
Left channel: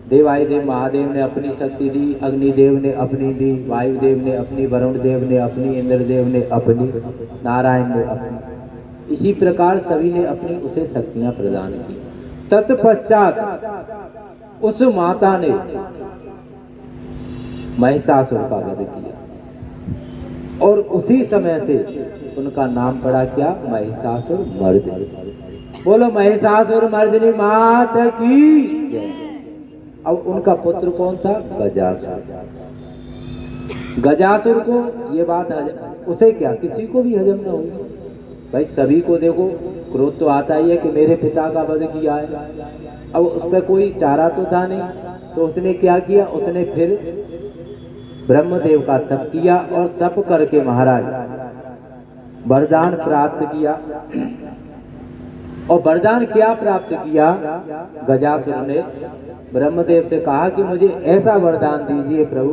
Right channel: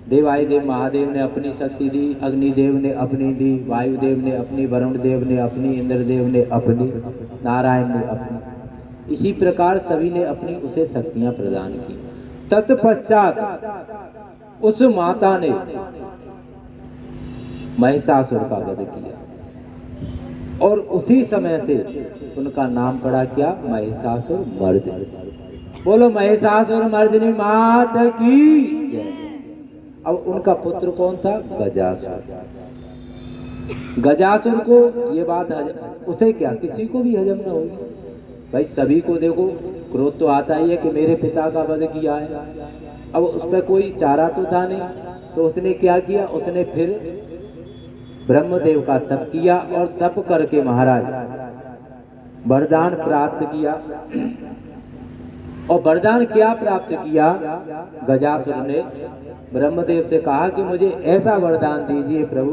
देवाधिदेव महादेव ने अपनी शक्ति दी, अग्निदेव ने अपनी दी, वायुदेव ने अपनी, वरुण देव ने अपनी, इंद्रदेव ने अपनी, नारायण ने अपनी। इसी प्रकार सभी ने अपनी उसे शक्तियां प्रदान की। तत्पश्चात उस माता ने महिषासुर का वध किया और उसी समय से उनका नाम पड़ा क्या? महिषासुर मर्दिनी। बोलो महिषासुर मर्दिनी मात की जय। अब उनका पुत्र कौन था? गजासुर। गजासुर को ये बात उसे क्या, किसी को भी हजम न होगी। भाई सभी को देखो क्रोध तो आता ही है कि मेरे पिता का वध किया है। अब उस पर कोई चारा तो था नहीं, तो उसने क्या किया, उसने फिर ब्रह्मदेव का तप किया और तप करके महाराज वरदान प्राप्त किया। और वरदान क्या प्राप्त किया, गजासुर ने ब्रह्मदेव से कहा कि मुझे ऐसा वरदान दीजिए प्रभु,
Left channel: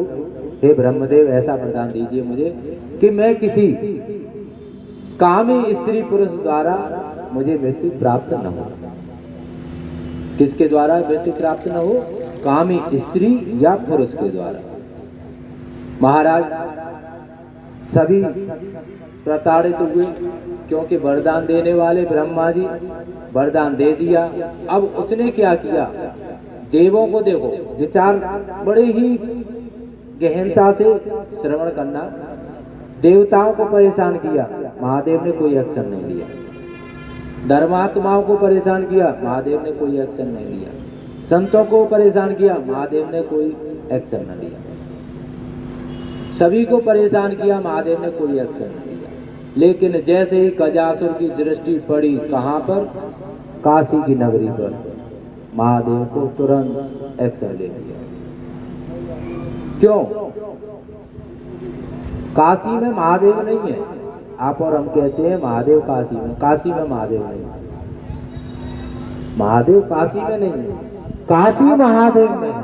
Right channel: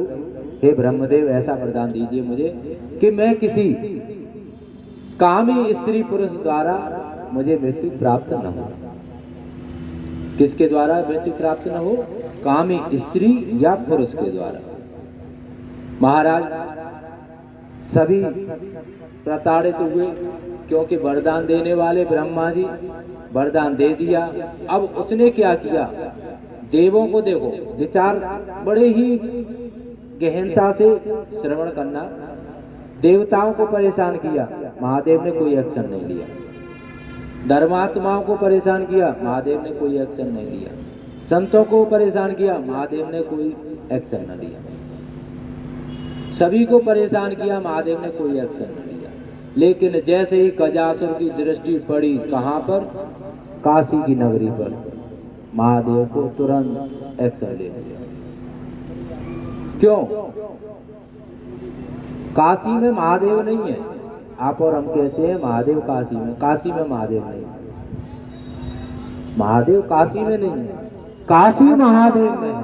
हे ब्रह्मदेव ऐसा वरदान दीजिए मुझे कि मैं किसी कामी स्त्री पुरुष द्वारा मुझे मृत्यु प्राप्त न हो। किसके द्वारा मृत्यु प्राप्त न हो, कामी स्त्री या पुरुष के द्वारा। महाराज सभी प्रताड़ित हुए, क्योंकि वरदान देने वाले ब्रह्मा जी वरदान दे दिया। अब उसने क्या किया, देवों को देखो विचार बड़े ही गहनता से श्रवण करना, देवताओं को परेशान किया, महादेव ने कोई एक्शन नहीं लिया। धर्मात्माओं को परेशान किया, महादेव ने कोई एक्शन नहीं लिया। संतों को परेशान किया, महादेव ने कोई एक्शन नहीं लिया। सभी को परेशान किया, महादेव ने कोई एक्शन नहीं लिया। लेकिन जैसे ही गजासुर की दृष्टि पड़ी कहाँ पर, काशी की नगरी पर, महादेव को तुरंत एक्शन ले लिया। क्यों, काशी में महादेव नहीं है। आप और हम कहते हैं महादेव काशी में, काशी में महादेव नहीं है। महादेव काशी में नहीं है, काशी महादेव में है।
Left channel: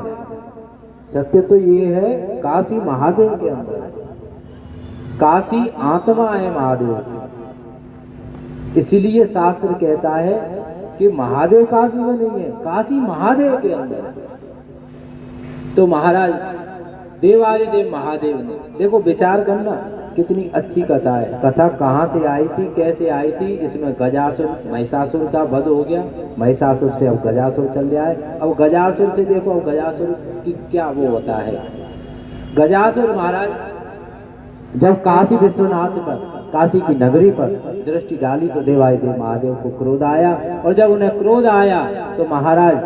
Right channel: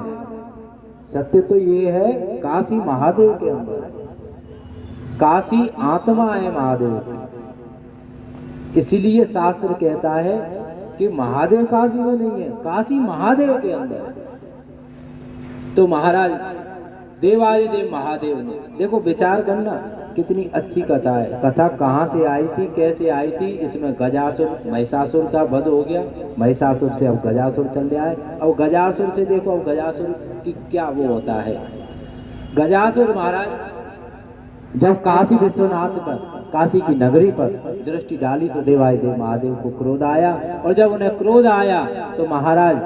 सत्य तो ये है, काशी महादेव के अंदर है। काशी आत्मा है महादेव की। इसीलिए शास्त्र कहता है कि महादेव काशी में नहीं है, काशी महादेव के अंदर है। तो महाराज देवादिदेव महादेव ने, देखो विचार करना कितनी अच्छी कथा है। कथा कहाँ से आई थी, कैसे आई थी, इसमें गजासुर महिषासुर का वध हो गया, महिषासुर से अब गजासुर चल रहा है। अब गजासुर से देखो, अब गजासुर की क्या वो होता है। गजासुर महाराज जब काशी विश्वनाथ पर, काशी की नगरी पर दृष्टि डाली तो देवादिदेव महादेव को क्रोध आया। और जब उन्हें क्रोध आया तो महाराज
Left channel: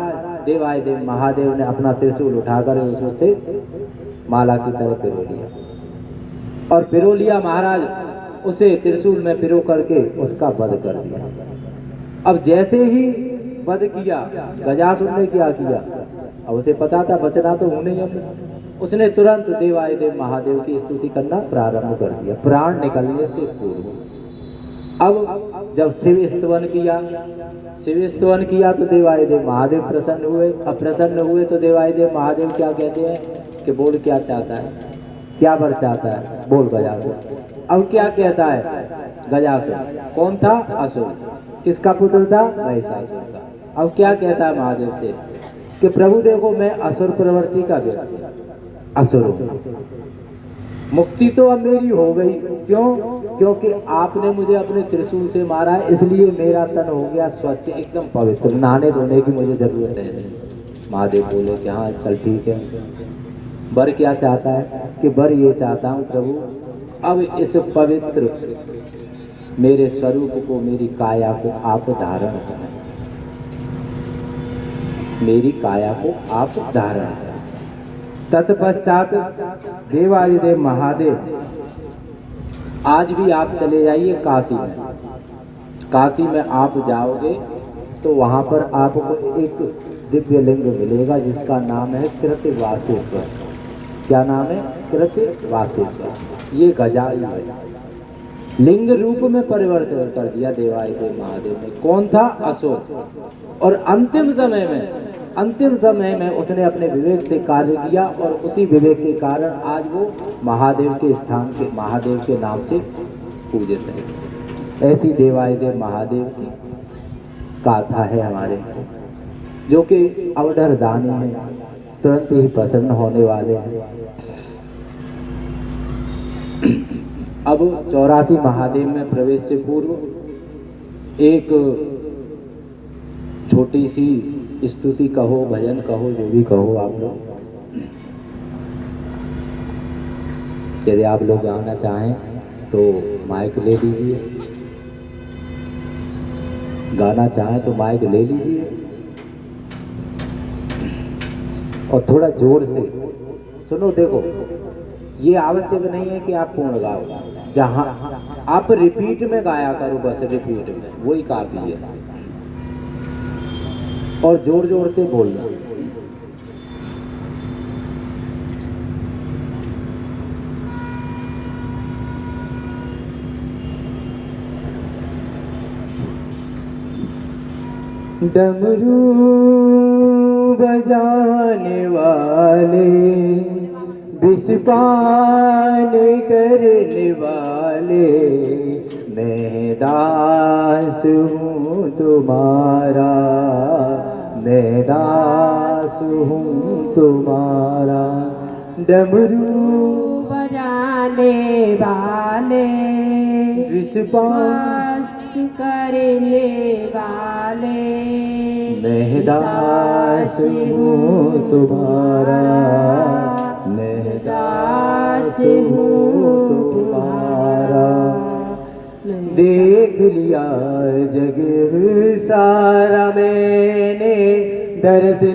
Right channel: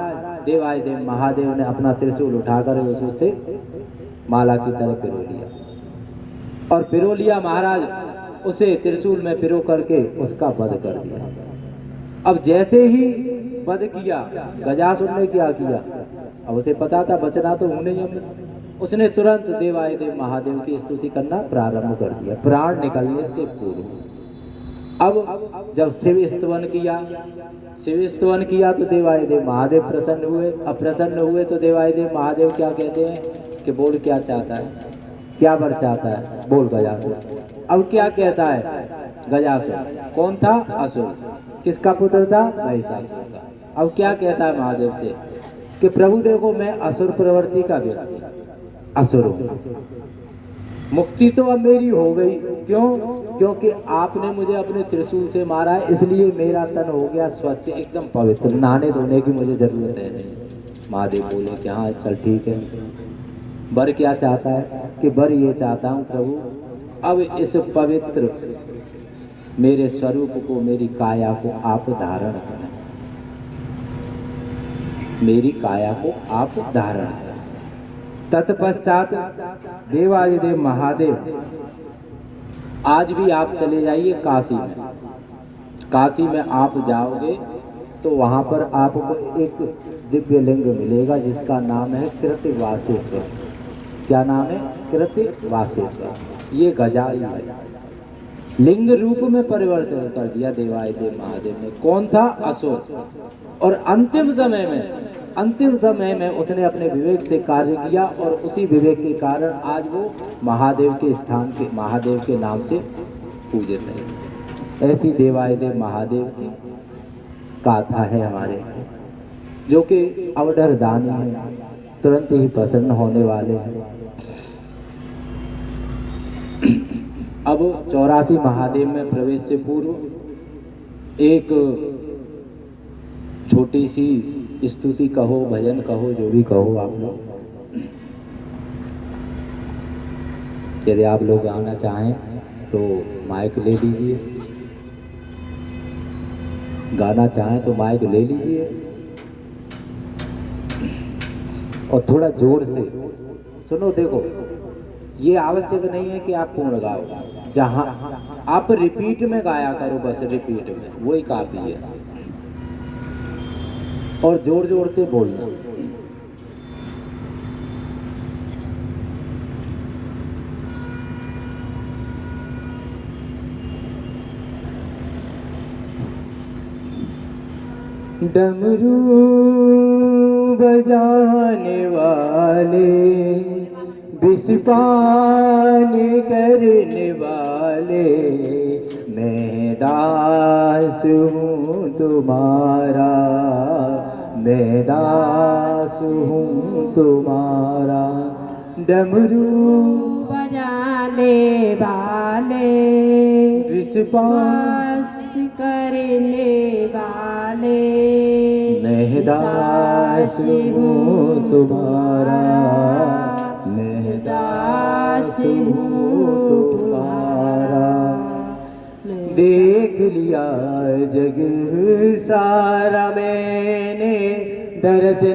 देवादिदेव महादेव ने अपना त्रिशूल उठाकर उससे माला की तरह पिरो लिया, और पिरो लिया महाराज, उसे त्रिशूल में पिरो करके उसका वध कर दिया। अब जैसे ही वध किया, गजासुर ने क्या किया, अब उसे पता था बचना तो हमने ही हमने, उसने तुरंत देवादिदेव महादेव की स्तुति करना प्रारंभ कर दिया, प्राण निकलने से पूर्व। अब जब शिव स्तवन किया, शिव स्तवन किया तो देवादिदेव महादेव प्रसन्न हुए। अब प्रसन्न हुए तो देवादिदेव महादेव क्या कहते हैं कि बोल क्या चाहता है, क्या वर चाहता है, बोल गजासुर। अब क्या कहता है गजासुर, कौन था, असुर। किसका पुत्र था, महिषासुर का। अब क्या कहता है महादेव से कि प्रभु देखो मैं असुर प्रवृत्ति का व्यक्ति, असुर मुक्ति तो अब मेरी हो गई। क्यों, क्योंकि आपने मुझे अपने त्रिशूल से मारा है, इसलिए मेरा तन हो गया स्वच्छ, एकदम पवित्र, नहाने धोने की मुझे जरूरत है नहीं। महादेव बोले कि हाँ चल ठीक है। वर क्या चाहता है कि वर ये चाहता हूँ प्रभु, अब इस पवित्र मेरे स्वरूप को, मेरी काया को आप धारण करें, मेरी काया को आप धारण करें। तत्पश्चात देवादिदेव महादेव आज भी आप चले जाइए काशी में, काशी में आप जाओगे तो वहाँ पर आपको एक दिव्य लिंग मिलेगा जिसका नाम है कृतवासेश्वर। क्या नाम है, कृतवासेश्वर। ये गजायु है, लिंग रूप में परिवर्तन कर दिया देवादिदेव महादेव ने। कौन था, असुर। और अंतिम समय में उसने अपने विवेक से कार्य किया, और उसी विवेक के कारण आज वो महादेव के स्थान के, महादेव के नाम से पूजित है। ऐसी देवादिदेव महादेव की गाथा है हमारे, जो कि अवधर दानी है, तुरंत ही प्रसन्न होने वाले हैं। अब 84 महादेव में प्रवेश से पूर्व एक छोटी सी स्तुति कहो, भजन कहो, जो भी कहो आप लोग, यदि आप लोग गाना चाहें तो माइक ले लीजिए, गाना चाहें तो माइक ले लीजिए, और थोड़ा जोर से सुनो। देखो ये आवश्यक नहीं है कि आप पूर्ण गाओ, जहां आप रिपीट में गाया करो, बस रिपीट में, वही काफी है। और जोर जोर से बोलना। डमरू बजाने वाले, विषपान करने वाले, मैं दास हूँ तुम्हारा, मैं दास हूँ तुम्हारा। डमरू बजाने वाले, विषपान करने वाले, मैं दास हूँ तुम्हारा, मैं दास हूँ तुम्हारा। देख लिया जग सारा मैंने, दर से